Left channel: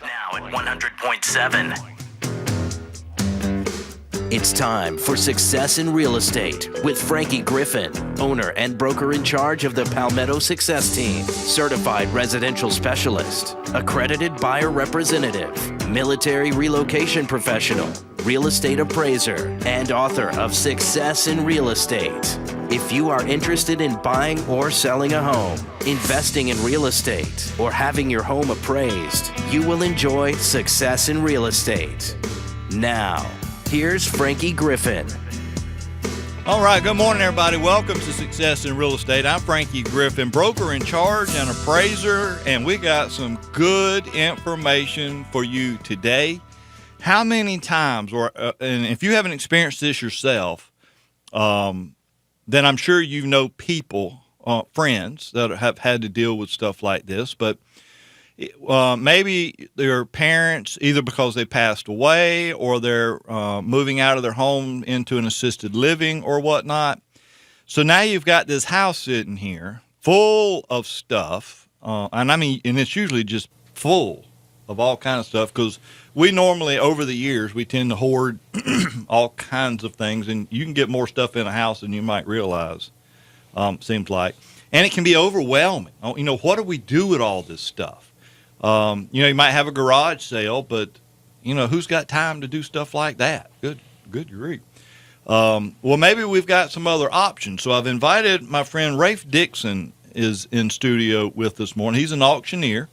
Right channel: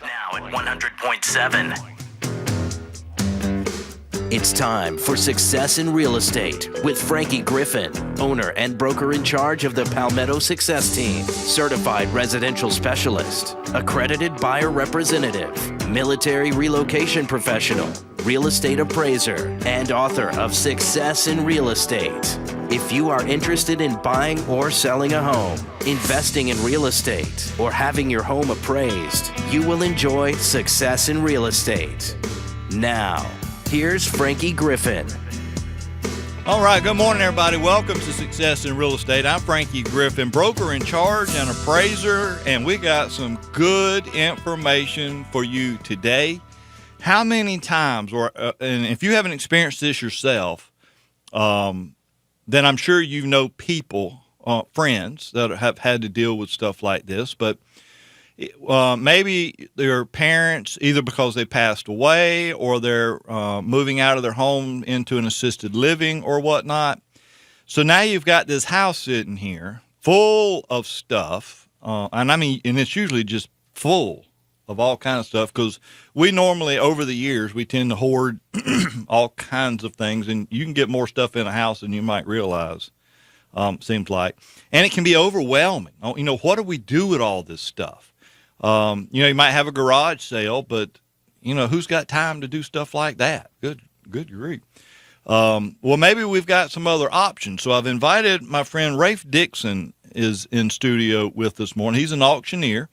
Now at 100.7. It's time for Success in Real Estate with Frankie Griffin, owner and broker in charge of the Palmetto Success Team, certified residential specialist, accredited buyer representative, military relocation professional, real estate appraiser, and author of Success in Real Estate. If you are interested in buying or selling a home, investing in real estate, or having your home appraised, you will enjoy Success in Real Estate. Now, here's Frankie Griffin. All right, good morning, everybody. Welcome to Success in Real Estate. I'm Frankie Griffin, broker in charge and appraiser, and we got some good information for you today. How many times, and if you haven't experienced this yourself, then I'm sure you know people, friends that have had to deal with stuff like this, but maybe their parents, either because they passed away or they're moving out of their home into an assisted living or whatnot. So now you've got this house sitting here full of stuff, and it's usually just full of all kinds of stuff, because we normally, over the years, we tend to hoard all kinds of things, and you can get more stuff in a house than you might realize, seems like. And it can be overwhelming. What do we do with all this stuff? You might have a garage sale, but, who's got time to do stuff like that? Good grief. Well, maybe we've got some other options. So I've invited my friend Rafe Dixon is in studio with us this morning. He's an auctioneer.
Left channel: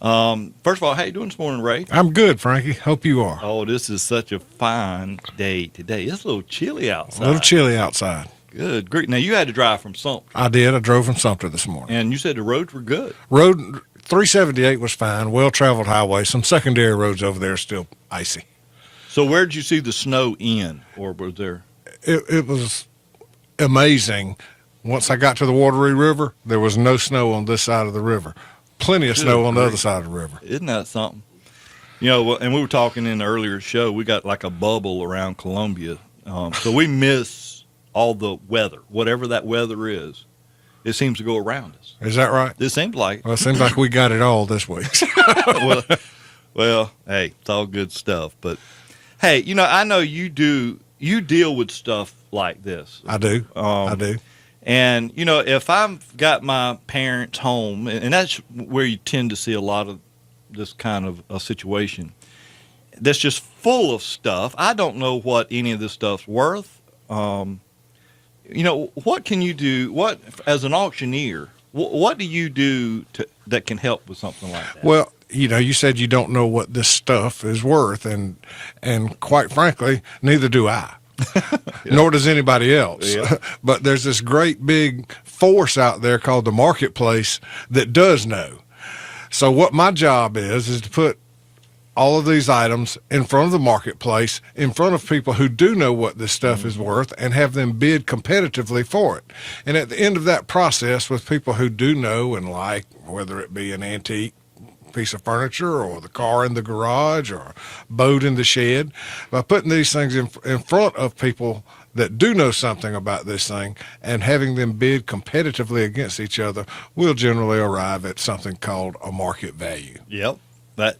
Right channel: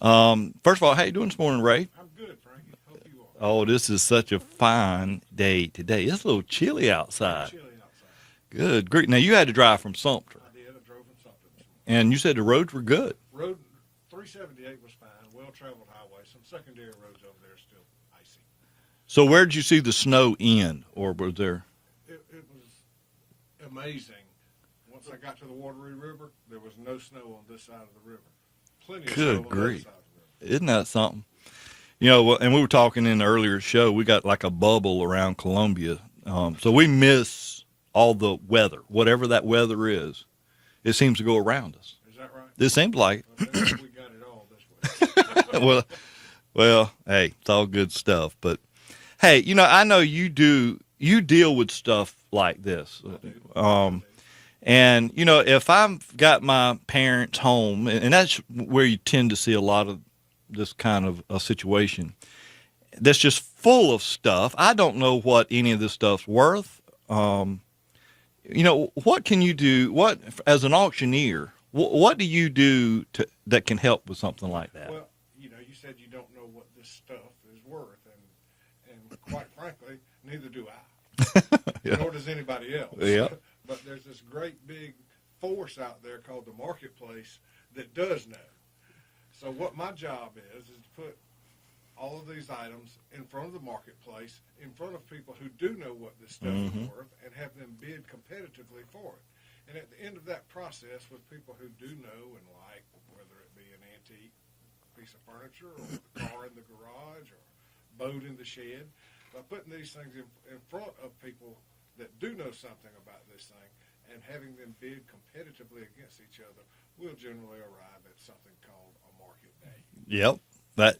First of all, how you doing this morning, Rafe? I'm good, Frankie. Hope you are. Oh, this is such a fine day today. It's a little chilly outside. A little chilly outside. Good grief. Now, you had to drive from Sumter. I did. I drove from Sumter this morning. And you said the roads were good. Road 378 was fine, well-traveled highway. Some secondary roads over there are still icy. So where did you see the snow in, or was there? It was amazing. Once I got to the Wateree River, there was no snow on this side of the river. Plenty of snow on the other side of the river. Isn't that something? And we were talking in the earlier show, we got like a bubble around Columbia. So we miss all the weather, whatever that weather is. It seems to go around us. Is that right? It seems like. Well, it seems like we got it all this week. well, hey, it's all good stuff. But, hey, I know you deal with stuff like this. I do. I do. And, if I've got my parents' home, and that's where you tend to see a lot of this kind of a situation that's just full of stuff. I don't know what any of this stuff's worth. What can you do? As an auctioneer, what do you do that can help with something like that? Well, you said you don't know what this stuff is worth, and quite frankly, neither do I. Yeah. Nor does anybody else. Yeah. But there's this great big force out there called the marketplace that does know. So what my job is to put all of these items in front of the marketplace, in front of people who do know what this stuff is worth, and have them bid competitively for it. And at the end of that process, with people who do know and like, whether it be an antique piece of furniture or the car in the garage or a boat in the shed, by putting these things in front of people that do know something about this thing and having them bid competitively against each other, we'll generally arrive at something called a market value. Yep. That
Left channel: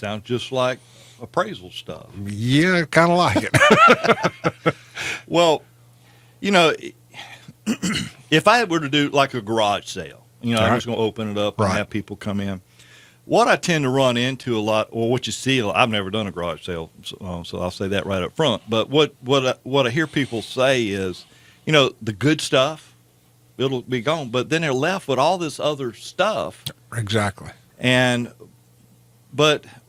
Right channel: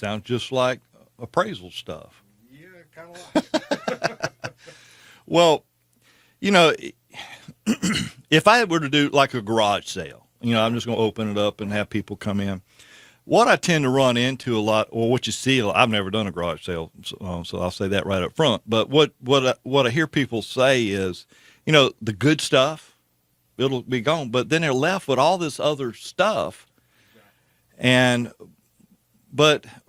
sounds just like appraisal stuff. Yeah, kind of like it. Well, if I were to do like a garage sale, I'm just going to open it up and have people come in. What I tend to run into a lot, or what you see, I've never done a garage sale, so I'll say that right up front. But what I hear people say is, the good stuff, it'll be gone, but then they're left with all this other stuff. Exactly.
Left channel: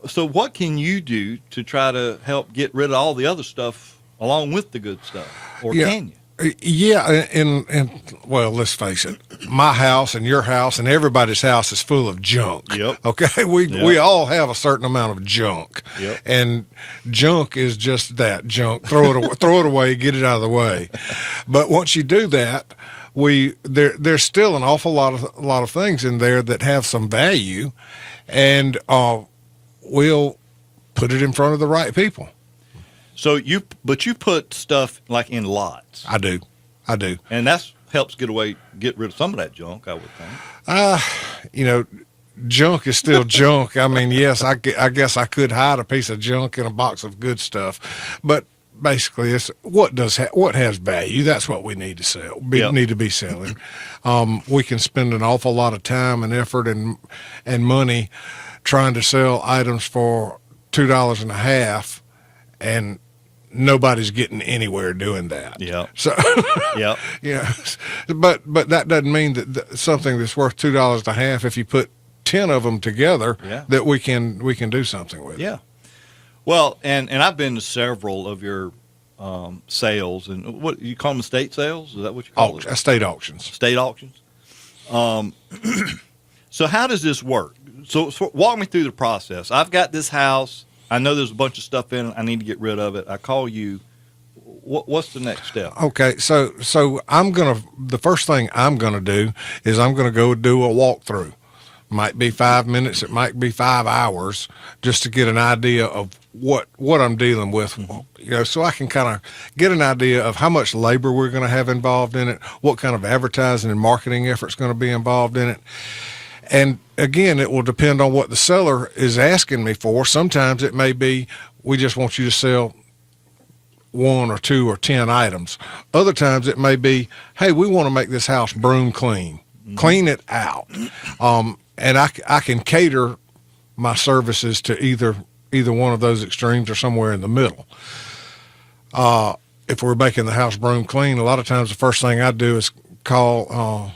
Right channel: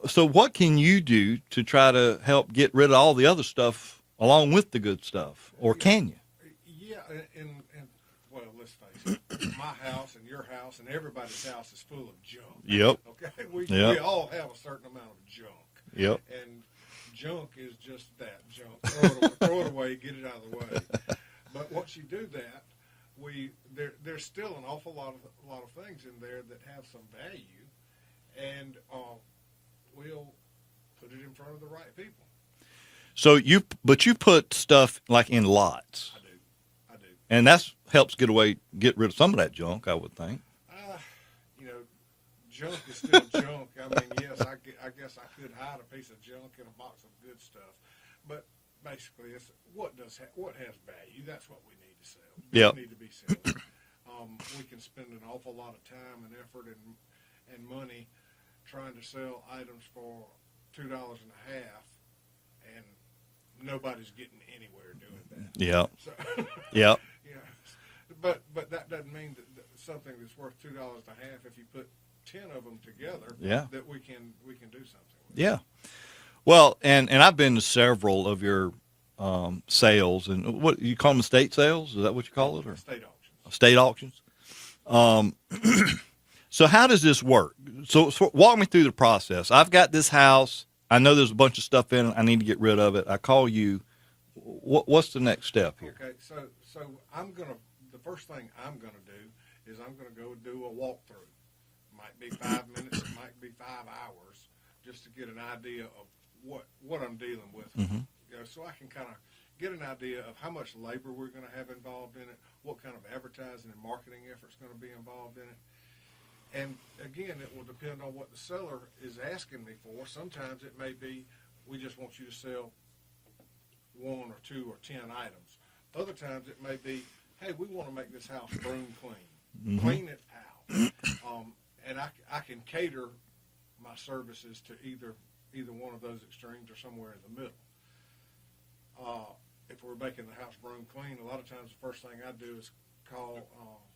So what can you do to try to help get rid of all the other stuff along with the good stuff, or can you? Yeah, and well, let's face it, my house and your house and everybody's house is full of junk. Yep. Okay, we all have a certain amount of junk. Yep. And junk is just that, junk. Throw it away, get it out of the way. But once you do that, there's still an awful lot of things in there that have some value, and we'll put it in front of the right people. So you put stuff like in lots. I do. And that helps get rid of some of that junk, I would think. junk is still junk. I mean, yes, I guess I could hide a piece of junk in a box of good stuff, but basically, it's what has value. That's what we need to sell. Yep. Need to be selling. We can spend an awful lot of time and effort and money trying to sell items for $2.50, and nobody's getting anywhere doing that. Yeah. So, Yeah. yeah, but that doesn't mean that something that's worth $2.50, if you put 10 of them together, Yeah. that we can do something with. Yeah. Well, and I've been to several of your sales, and what you call them, estate sales? Is that what you call it? Estate auctions. State auctions. So how does this work? So walk me through the process. I've got this house. I know there's a bunch of stuff in it. I need to get rid of it. I call you. What's the next step? Okay, so the first thing I'm gonna do is I'm gonna go do a walkthrough. Might be 5 minutes, it might be 5 hours, just to get an idea of what I'm dealing with. You know, so I can kind of get an idea of how much labor we're going to have involved in it, what kind of advertising and marketing effort's going to be involved in it. And again, it will depend on what the seller is asking me for. Sometimes it may be, we just want you to sell 1 or 2 or 10 items. Other times it may be, hey, we want to make this house broom clean, clean it out. And I can cater my services to either one of those extremes or somewhere in the middle. If we're making the house broom clean, a lot of times the first thing I do is call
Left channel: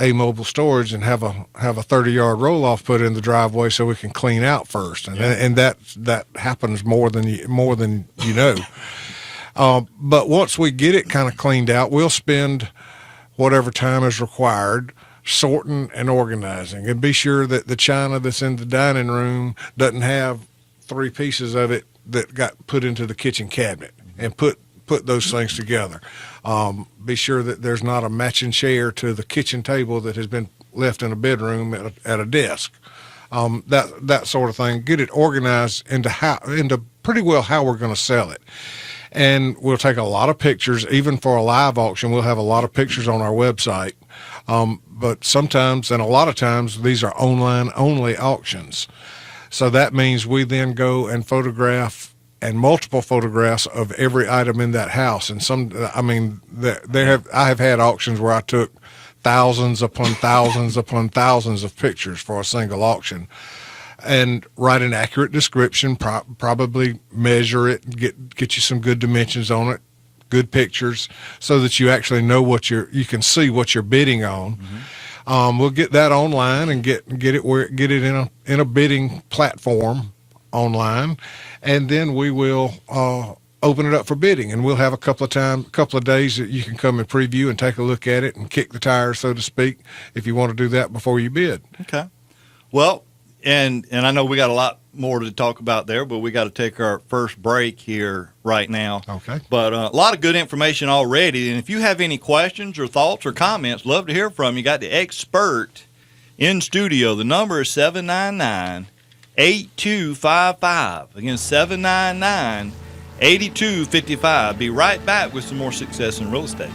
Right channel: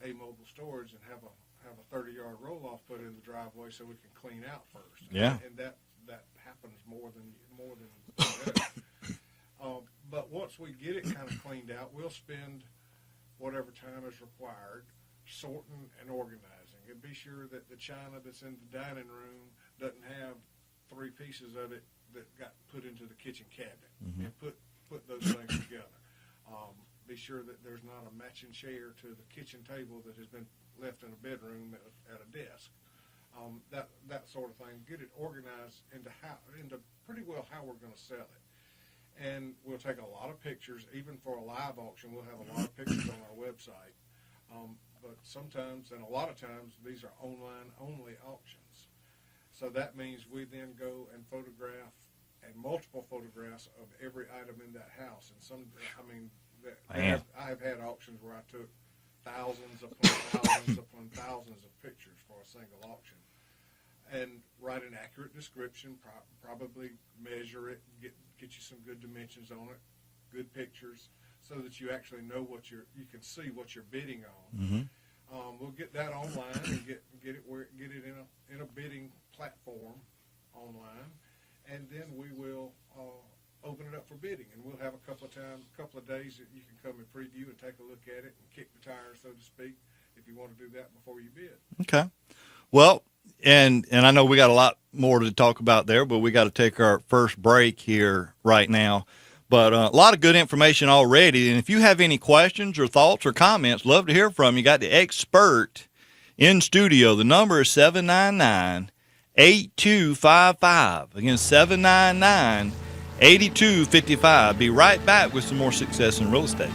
A Mobile Storage and have a 30-yard roll-off put in the driveway so we can clean out first, and that happens more than you know. But once we get it kind of cleaned out, we'll spend whatever time is required sorting and organizing, and be sure that the china that's in the dining room doesn't have 3 pieces of it that got put into the kitchen cabinet, and put those things together. Be sure that there's not a matching chair to the kitchen table that has been left in a bedroom at a desk. That sort of thing. Get it organized into pretty well how we're going to sell it. And we'll take a lot of pictures. Even for a live auction, we'll have a lot of pictures on our website. But sometimes, and a lot of times, these are online only auctions. So that means we then go and photograph, and multiple photographs of every item in that house. And I have had auctions where I took thousands upon thousands upon thousands of pictures for a single auction, and write an accurate description, probably measure it, get you some good dimensions on it, good pictures, so that you actually know you can see what you're bidding on. We'll get that online and get it in a bidding platform online, and then we will open it up for bidding, and we'll have a couple of days that you can come and preview and take a look at it and kick the tires, so to speak, if you want to do that before you bid. Okay. Well, and I know we got a lot more to talk about there, but we got to take our first break here right now. Okay. But a lot of good information already. And if you have any questions or thoughts or comments, love to hear from you. Got the expert in studio. The number is 799-8255. Again, 799-8255. Be right back with some more Success in Real Estate.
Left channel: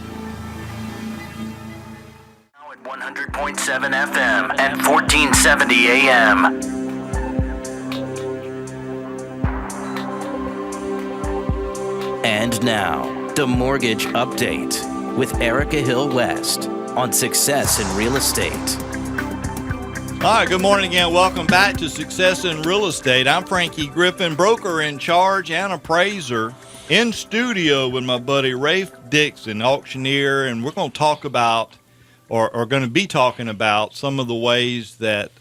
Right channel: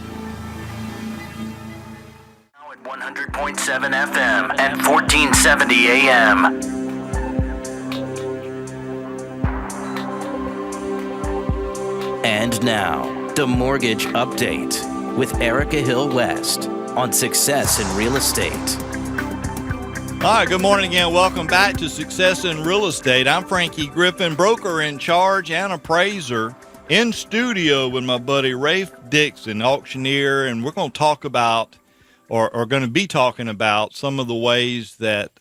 Now at 100.7 FM and 1470 AM. And now, the Mortgage Update with Erica Hill West on Success in Real Estate. All right, good morning again. Welcome back to Success in Real Estate. I'm Frankie Griffin, broker in charge and appraiser, in studio with my buddy Rafe Dixon, auctioneer, and we're going to talk about, or going to be talking about, some of the ways that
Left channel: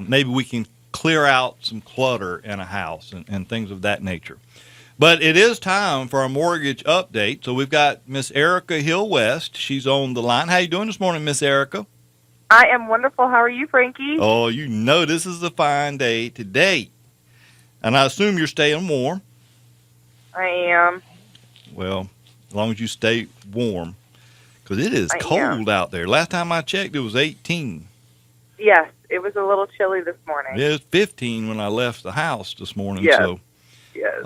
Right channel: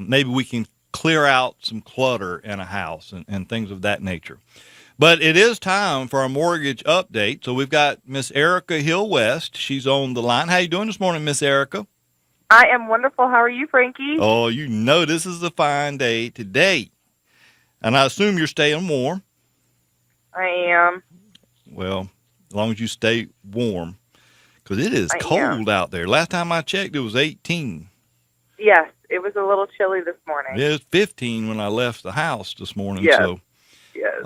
maybe we can clear out some clutter in a house and things of that nature. But it is time for our mortgage update. So we've got Miss Erica Hill West. She's on the line. How you doing this morning, Miss Erica? I am wonderful. How are you, Frankie? Oh, you know this is a fine day today. And I assume you're staying warm. I am. Well, as long as you stay warm, because it is I cold out there. Last time I checked, it was 18. Yes, it was a little chilly this morning. It was 15 when I left the house this morning. Yes. So, Yes.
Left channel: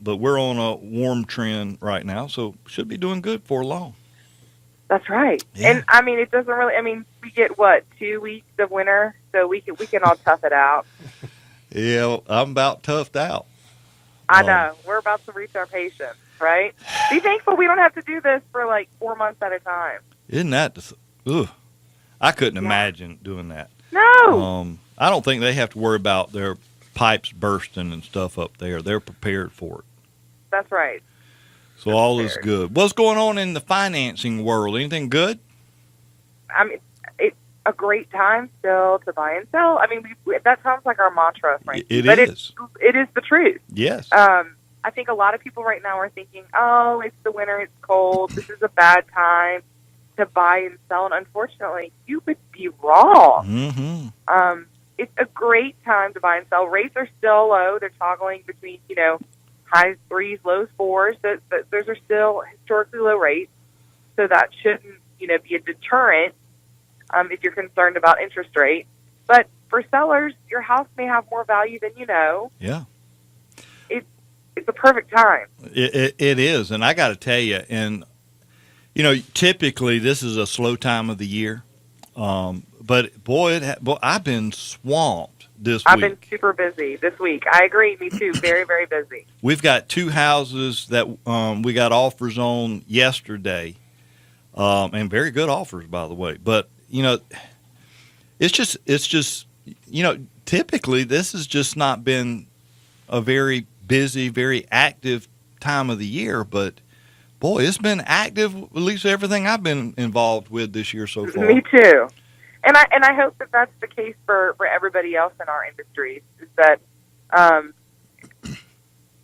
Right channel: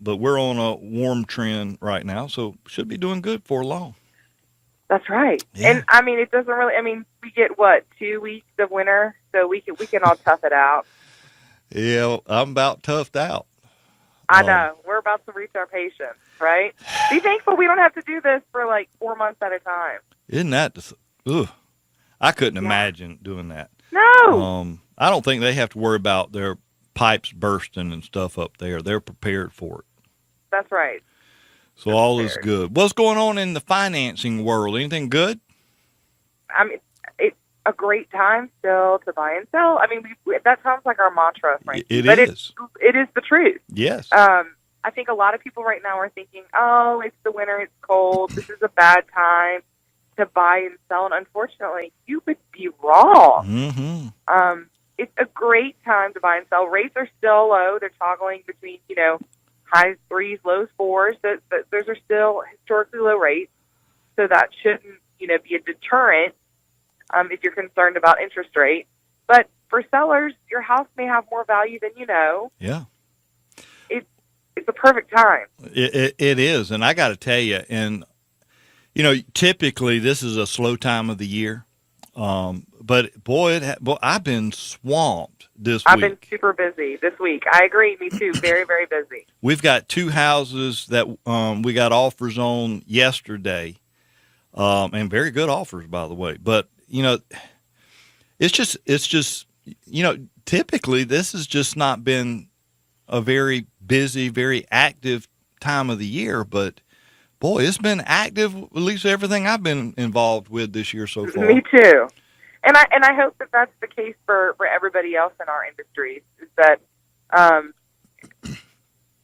but we're on a warm trend right now, so should be doing good for long. That's right. Yeah. And, I mean, it doesn't really, we get, 2 weeks of winter? so we can all tough it out. Yeah, I'm about toughed out. I know. We're about to reach our patience, right? Be thankful we don't have to do this for like 4 months at a time. Isn't that? Ugh. I couldn't imagine doing that. No. I don't think they have to worry about their pipes bursting and stuff up there. They're prepared for it. That's right. So all is good. What's going on in the financing world? Anything good? I mean, it's a great time still to buy and sell. I mean, that sounds like our mantra, Frankie. It but is. It is the truth. Yes. I think a lot of people right now are thinking, oh, it's the winter, it's cold, this is a bad time to buy and sell. And unfortunately, you would be wrong. Mm-hmm. It's a great time to buy and sell. Rates are still low. They're toggling between, high threes, low fours. Those are still historically low rates. So that shouldn't, be a deterrent if you're concerned about interest rate. But for sellers, your house may have more value than you know. Yeah. It's a perfect time. It is. And I got to tell you, and, typically this is a slow time of the year. But, boy, I've been swamped this week. I've been super busy this week. I agree. Me too. Very, very busy. We've got 2 houses that we got offers on yesterday, and very good offers, by the way. But, it's just typically this has just not been a very busy, very active time of the year. But, boy, it's been active, at least everything I've been involved with this year so far. Me too. And I hope that that's the case for everybody else in our industries, is that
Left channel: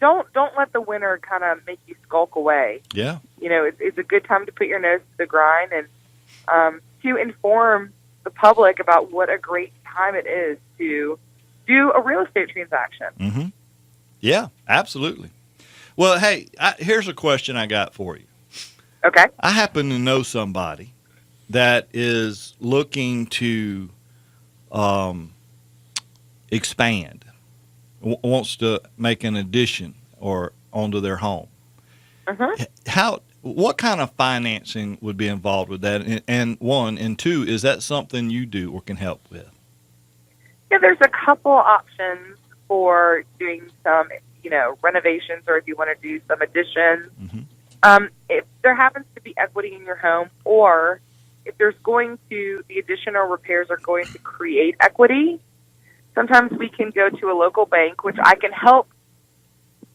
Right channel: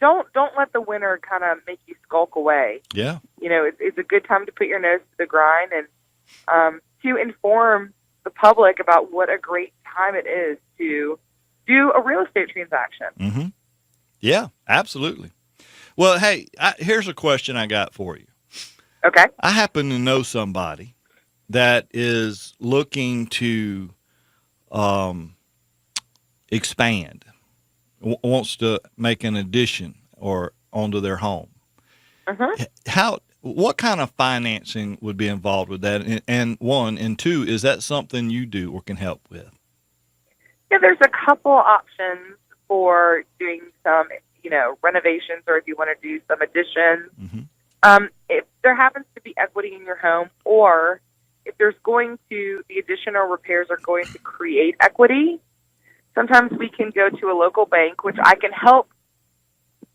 don't let the winter kind of make you skulk away. Yeah. It's a good time to put your nose to the grind and to inform the public about what a great time it is to do a real estate transaction. Mm-hmm. Yeah, absolutely. Well, hey, here's a question I got for you. Okay. I happen to know somebody that is looking to expand, wants to make an addition or onto their home. Mm-hmm. What kind of financing would be involved with that? And 1, and 2, is that something you do or can help with? Yeah, there's a couple options for doing some, renovations, or if you want to do some additions. Mm-hmm. If there happens to be equity in your home, or if there's the addition or repairs are going to create equity, sometimes we can go to a local bank, which I can help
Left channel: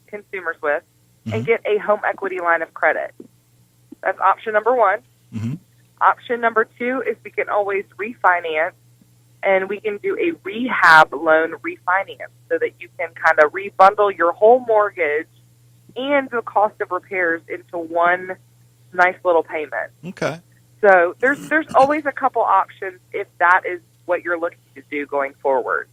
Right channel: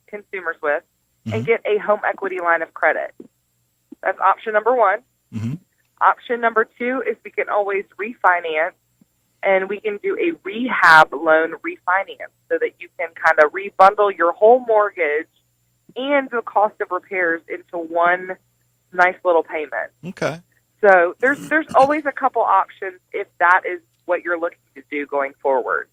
consumers with, and get a home equity line of credit. That's option number 1. Mm-hmm. Option number 2 is we can always refinance, and we can do a rehab loan refinance so that you can kind of rebundle your whole mortgage and the cost of repairs into one nice little payment. Okay. So there's always a couple options if that is what you're looking to do going forward.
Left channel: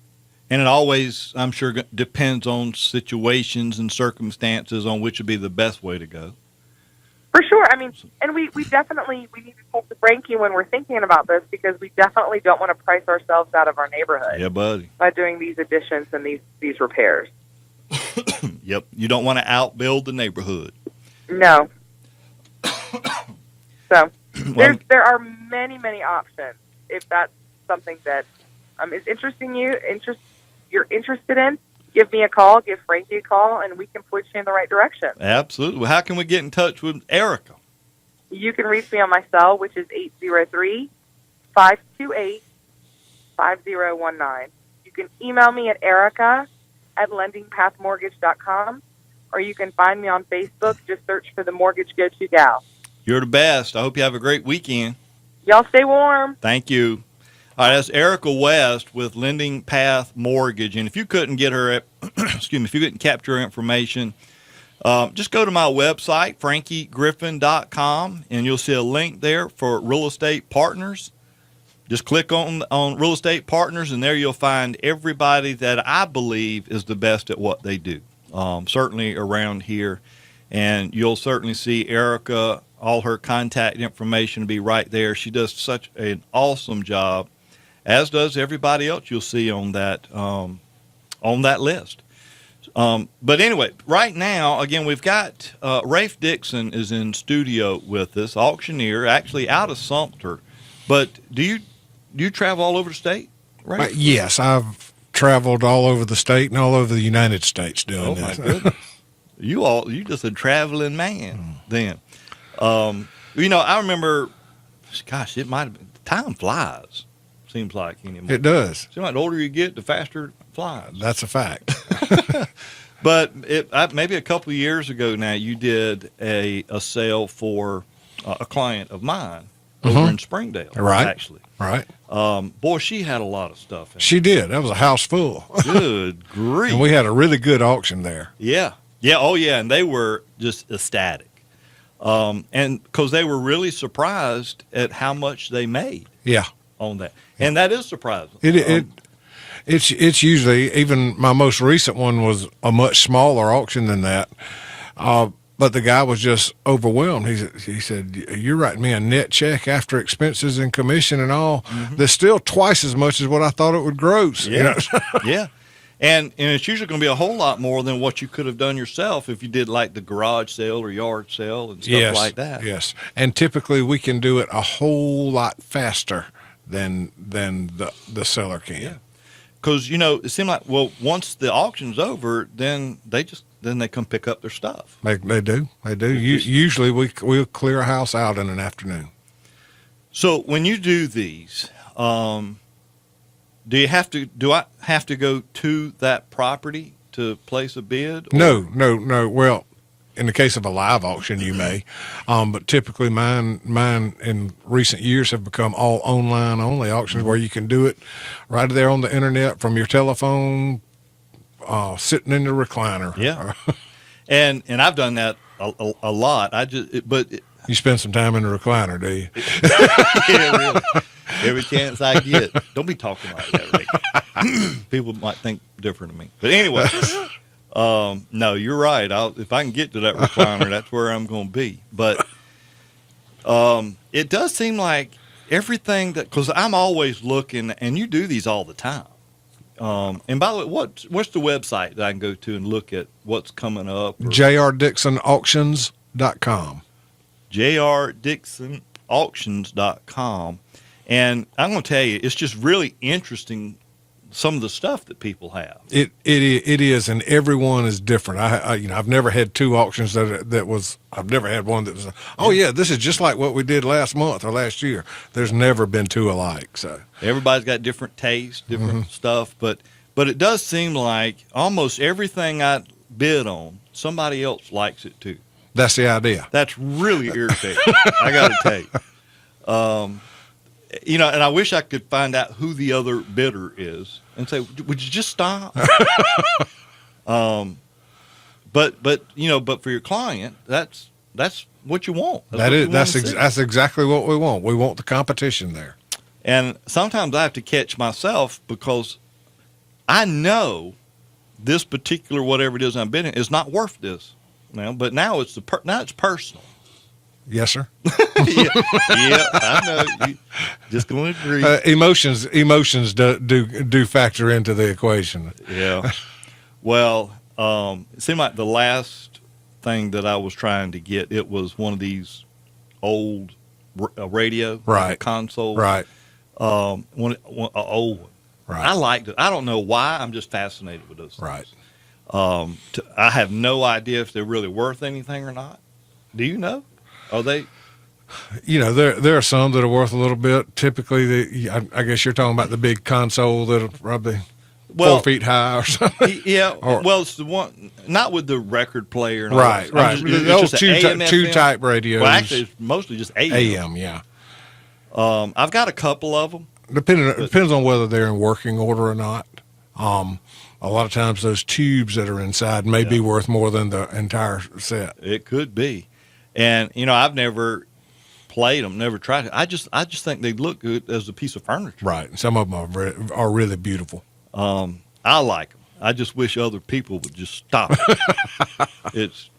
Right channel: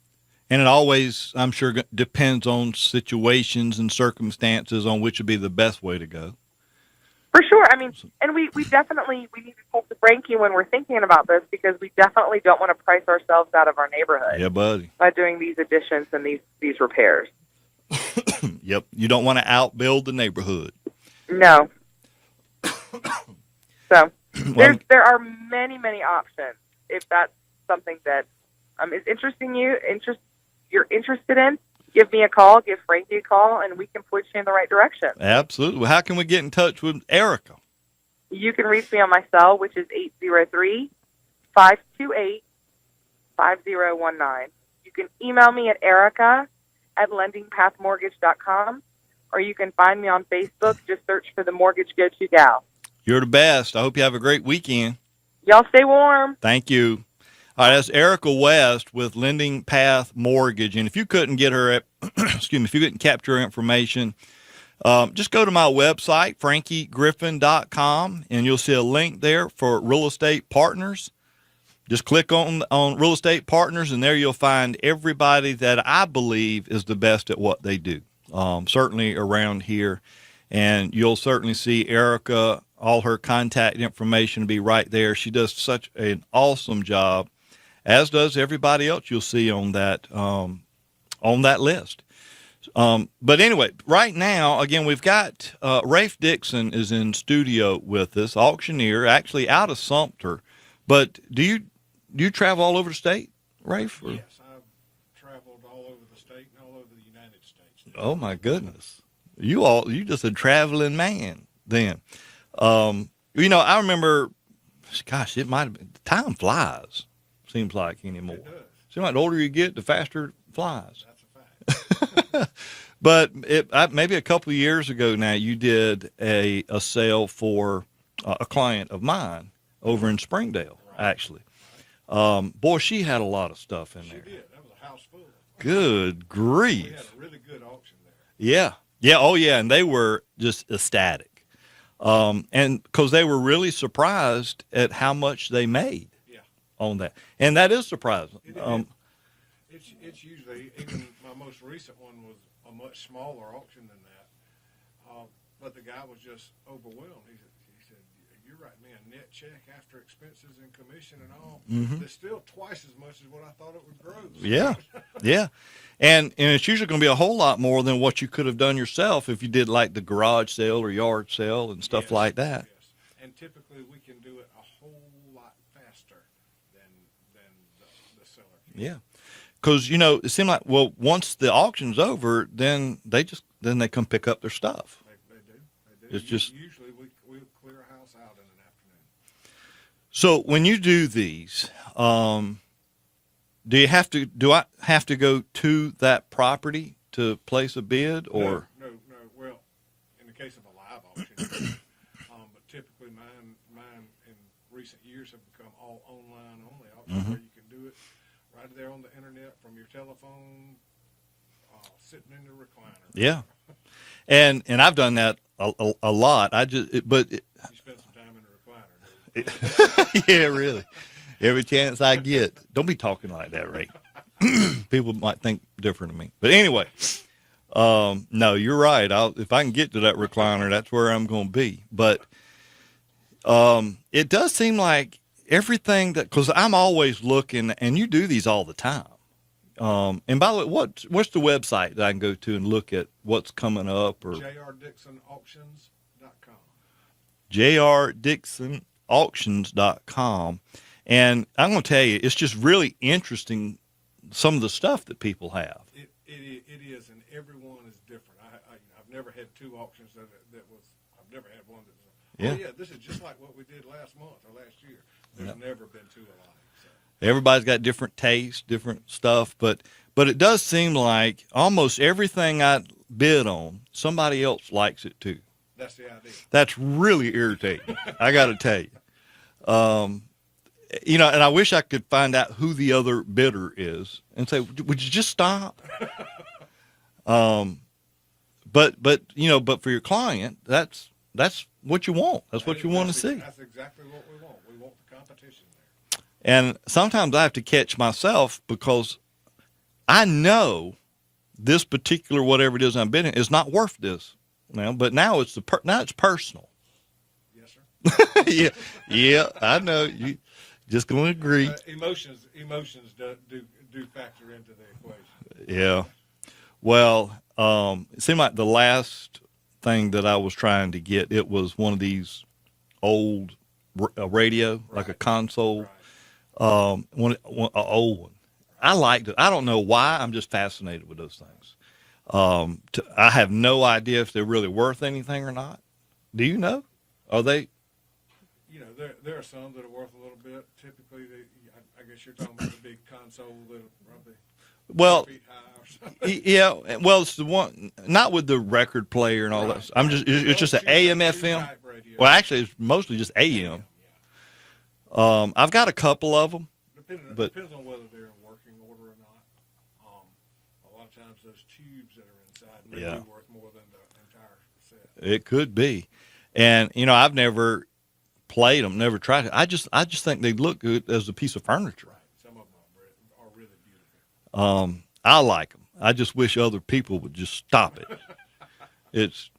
And it always, I'm sure, depends on situations and circumstances on which would be the best way to go. For sure. I mean, and we definitely need to talk to Frankie when we're thinking about this, because we definitely don't want to price ourselves out of our neighborhood. Yeah, buddy. By doing these additions and these repairs. Yep. You don't want to outbuild the neighborhood. No. So there are many options. If that's something that is you're interested in, give me a call, give Frankie a call, and we can point you in the right direction. Absolutely. Well, how can we get in touch with Erica? You can reach me on my cell, which is 803-528-5019. You can email me at erica@lendingpathmortgage.com, or you can find me on Facebook. Just search for the Mortgage Go-To Gal. You're the best. I hope you have a great weekend. Y'all stay warm. Thank you. All right, that's Erica West with Lending Path Mortgage. And if you couldn't get her, if you couldn't capture her information, just go to my website, frankiegriffin.com, and you'll see a link there for Real Estate Partners. Just click on Real Estate Partners, and there you'll find everybody that I believe is the best at what they do, certainly around here. And you'll certainly see Erica, all her contact information will be right there. She does such an awesome job, as does everybody else you'll see on that list. But anyway, right now, again, we've got Rafe Dixon is in studio with us, auctioneer, actually out of Sumter. But do you travel all over the state? right? Yes, I've traveled all over the state and all over the United States doing Oh this. my goodness. You just a traveling man then. I remember, gosh, it might have been, time flies, seems like anymore. It does. Seems like the older you get, the faster it flies. That's a fact. But maybe a couple of years ago now, you did a sale for a client of mine over in Springdale, Right. actually. Right. Boy, she had a lot of stuff in She did. That was a house full. it. Good grief. And we had a really good auction there. Yeah. Yeah. Oh, yeah. And they were just ecstatic. And because they were really surprised at how much they made Yeah. on that. And that is surprising. It's usually, even my most recent one was a much smaller auction than that. But the guy was just overwhelmed. He said, "You're writing me a net check after expenses and commission and all. That's still twice as much as what I thought it would gross." Yeah. Yeah. And it's usually going to be a whole lot more than what you could have done yourself if you did like the garage sale or yard sale and stuff Yes, like that. Yes. And typically we can do it a whole lot faster than the seller can. Yeah. Because, it seemed like, well, once the auction's over, then they come pick up their stuff. They do. They do. It's just- Usually we'll clear a house out in an afternoon. So when you do these, do I have to go to that property to place a bid? Or? No. Well, in the case of a live auction, you may, but typically mine in recent years have become all online only auctions where you can do it right there on the internet from your telephone, sitting in the recliner. Yeah. And I've done that a lot. You spend some time in the recliner, do you? Yeah, really. Every chance I get. Don't be talking like that, Ray. People might think different of me. But anyway, no, you're right. If I can get to that recliner, that's where I'm going to be. But it does seem like everything because I'm always looking, and you do these all the time. And by the way, what's the website that I can go to and look at what's coming up? JRDixonAuctions.com. JRDixonAuctions.com. And I'm going to tell you, it's just really interesting, some of the stuff that people have. It is, and everyone is different. I've never had two auctions I've never had one that was, this is just like what we did last month or last year. There's never been two alike. So Everybody's got different tastes, different stuff, but it does seem like almost everything I bid on, somebody else likes it too. that's the idea. That's really irritating. I got to tell you. And I wish I could find out who the other bidder is and say, would you just stop? But for your client, that's what you want. That's exactly what we want. We want the competition there. And sometimes I have to catch myself because I know this particular whatever it is I'm bidding is not worth this now. But now it's personal. Yes, sir. Yeah, I know. You just going to agree. Emotions do factor into the equation. Yeah. Well, it seemed like the last thing that I was trying to get, it was one of these old radio, like a Right. console. Right. An old one. Right. I liked it. I don't know why. I'm just fascinated with those things. Right. I have no idea if they're really worth anything or not. Do you know? Are they? There are some that are worth a little bit. Typically, I guess you're talking about the big console that'll probably 4 feet high or something. Yeah. Well, it's the one, not with the record player and all Right. that. It's just an AM, two FM. type radios. Well, actually, it's mostly just AM. AM, yeah. I've got a couple of them. Depends on whether they're in working order or not. A lot of times those tubes that are inside may be worth more than the entire set. It could be. And, I've never played them, never tried it. I just think they look good as a piece of furniture. Right. Some of them are really beautiful. I like them. I just wish other people would just stop it. It's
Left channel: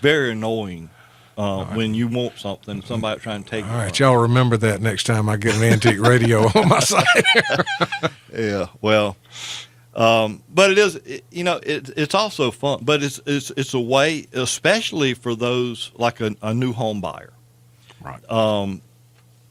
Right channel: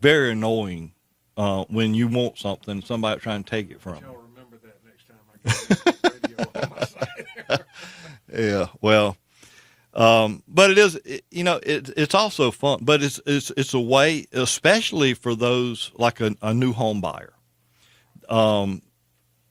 very annoying when you want something, somebody trying to take it. All right, from you. y'all remember that next time I get an antique radio on my site. Yeah, well, but it is, it's also fun, but it's a way, especially for those like a new home buyer. Right.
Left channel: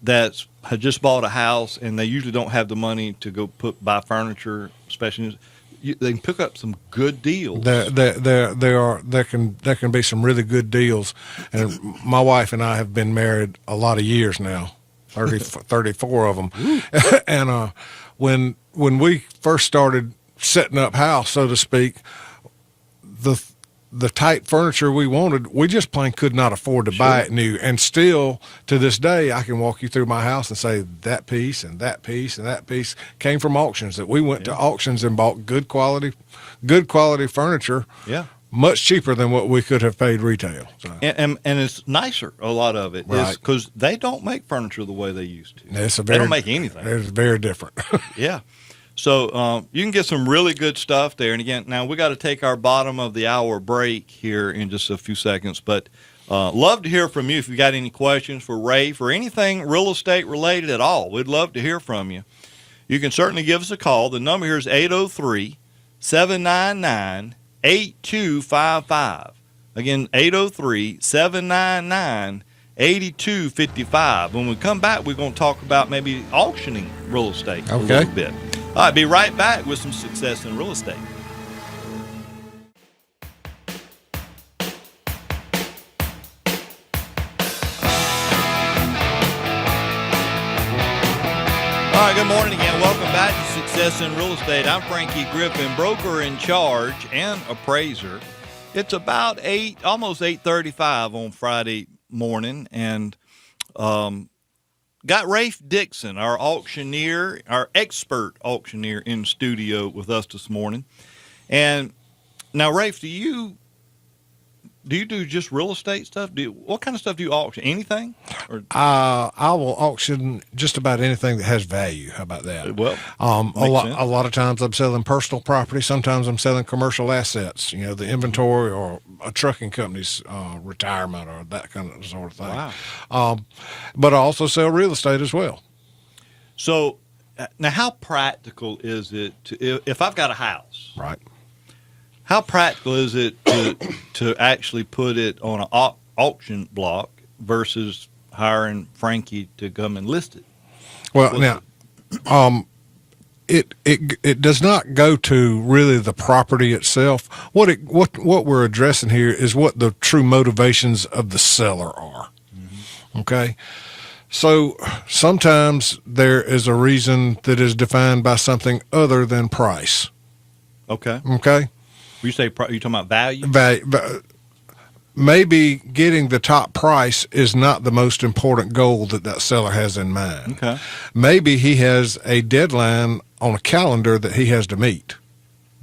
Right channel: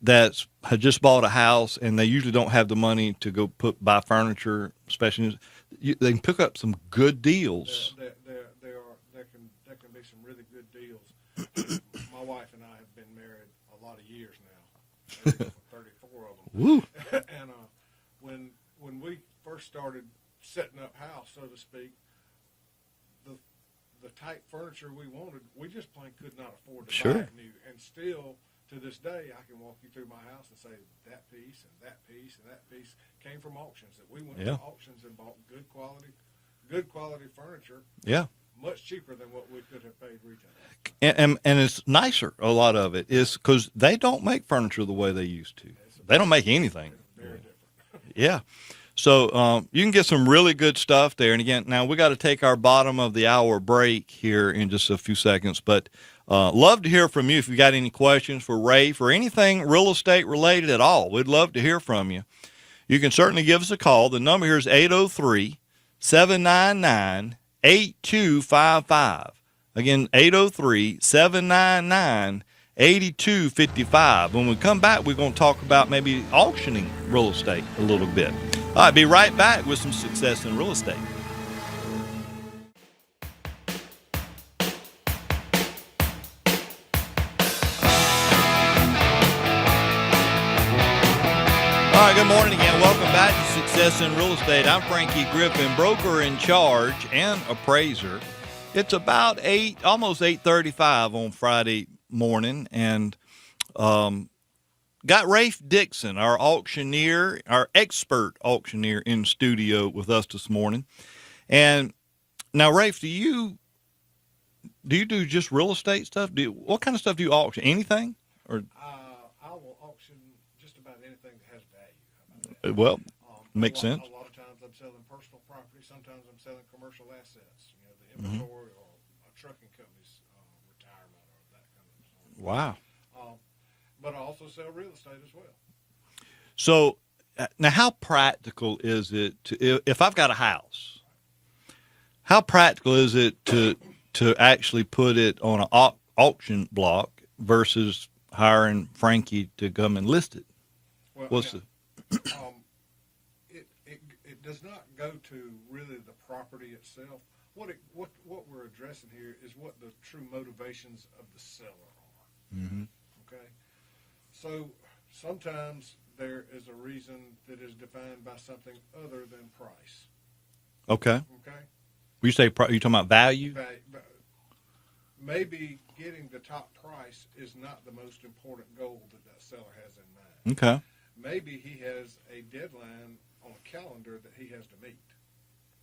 that's had just bought a house and they usually don't have the money to go buy furniture, especially they can pick up some good deals. There can be some really good deals, and my wife and I have been married a lot of years now, 34 of them, and when we first started setting up house, so to speak, the type furniture we wanted, we just plain could not afford to buy it new. And still, to this day, I can walk you through my house and say that piece and that piece and that piece came from auctions, that we went to auctions and bought good quality furniture. Yeah. Much cheaper than what we could have paid retail. So. And it's nicer, a lot of it, is because they don't make furniture the way they used to. They don't make anything. It's very different. Yeah. So you can get some really good stuff there. And again, now we got to take our bottom of the hour break here in just a few seconds. But love to hear from you if you got any questions for Ray, for anything real estate related at all. We'd love to hear from you. You can certainly give us a call. The number here is 803-799-8255. Again, 803-799-8255. When we come back, we're going to talk about maybe auctioning real estate a little bit. All right, be right back with some success in real estate. All right, good morning again. Welcome back to Success in Real Estate. I'm Frankie Griffin, broker in charge and appraiser. It's about almost 8:35 on Friday morning, and got Rafe Dixon, our auctioneer, our expert auctioneer, in studio with us this morning. And now, Rafe, do you do just real estate stuff? What kind of stuff do you auction? Anything? Or I will auction just about anything that has value. How about that? Well, makes sense. A lot of times I'm selling personal property. Sometimes I'm selling commercial assets. You know, the inventory or a trucking company's retirement or that kind of sort of thing. Wow. But I also sell real estate as well. So now, how practical is it if I've got a house? Right. How practical is it to actually put it on an auction block versus hiring Frankie to come and list it? Well, it does not go to really the property itself. What we're addressing here is what the true motivations of the seller are. Mm-hmm. Okay. So sometimes there is a reason that is defined by something other than price. Okay. Okay. You say you talking about value? Maybe getting the top price is not the most important goal that seller has in mind. Okay. Maybe he has a deadline on a calendar that he has to meet,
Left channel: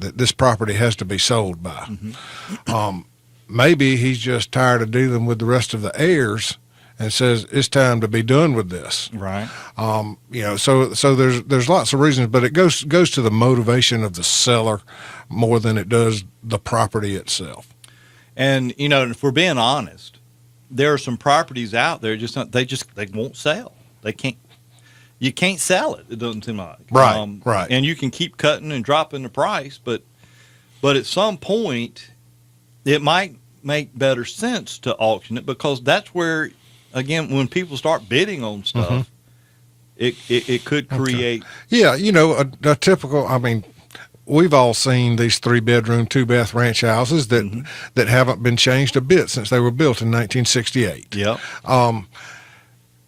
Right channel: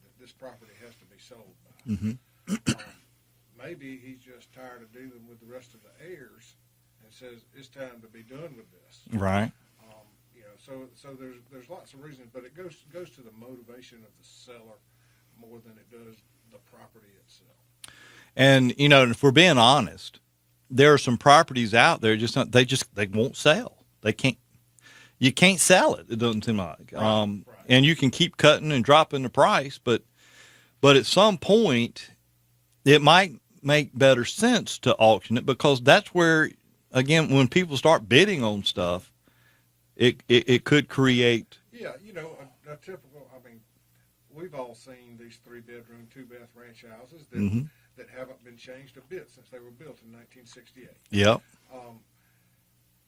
that this property has to be sold by. Mm-hmm. Maybe he's just tired of dealing with the rest of the heirs and says it's time to be done with this. Right. So there's lots of reasons, but it goes to the motivation of the seller more than it does the property itself. And if we're being honest, there are some properties out there they won't sell. You can't sell it. It doesn't seem like. Right. And you can keep cutting and dropping the price, but at some point it might make better sense to auction it, because that's where, again, when people start bidding on stuff, it could create. Yeah, a typical. I mean, we've all seen these 3-bedroom, 2-bath ranch houses that haven't been changed a bit since they were built in 1968. Yep.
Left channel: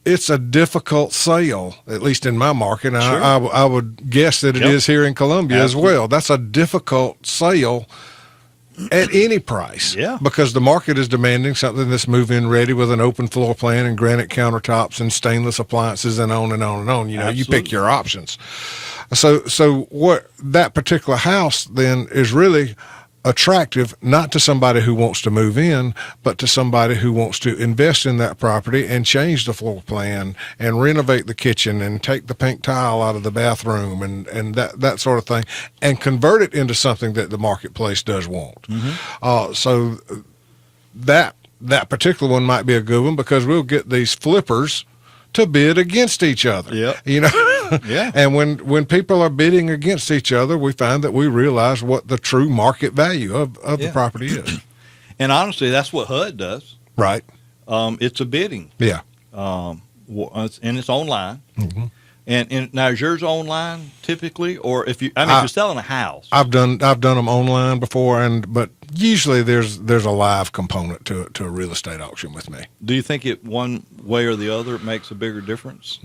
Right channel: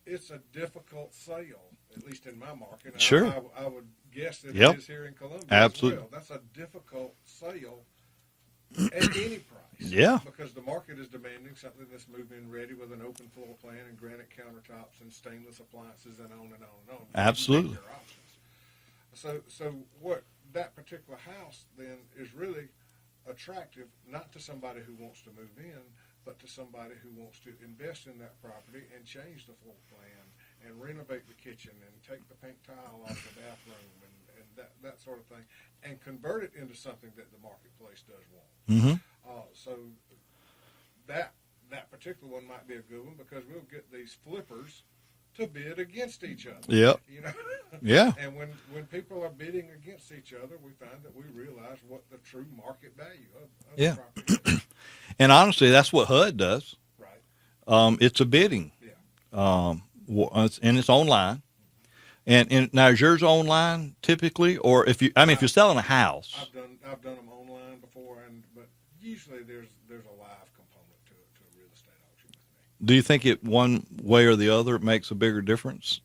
It's a difficult sale, at least in my market. Sure. I would guess that it is here in Columbia as well. That's a difficult sale at any price. Yeah. Because the market is demanding something that's move-in ready with an open floor plan and granite countertops and stainless appliances and on and on and on. You pick your options. So what that particular house then is really attractive, not to somebody who wants to move in, but to somebody who wants to invest in that property and change the floor plan and renovate the kitchen and take the pink tile out of the bathroom and that sort of thing, and convert it into something that the marketplace does want. Mm-hmm. So that particular one might be a good one, because we'll get these flippers to bid against each other. Yep. Yeah. And when people are bidding against each other, we find that we realize what the true market value of the property is. And honestly, that's what HUD does. Right. It's a bidding. Yeah. and it's online. Mm-hmm. And now is yours online typically, or if you're selling a house? I've done them online before, but usually there's a live component to a real estate auction with me. Do you think it one way or the other makes a bigger difference?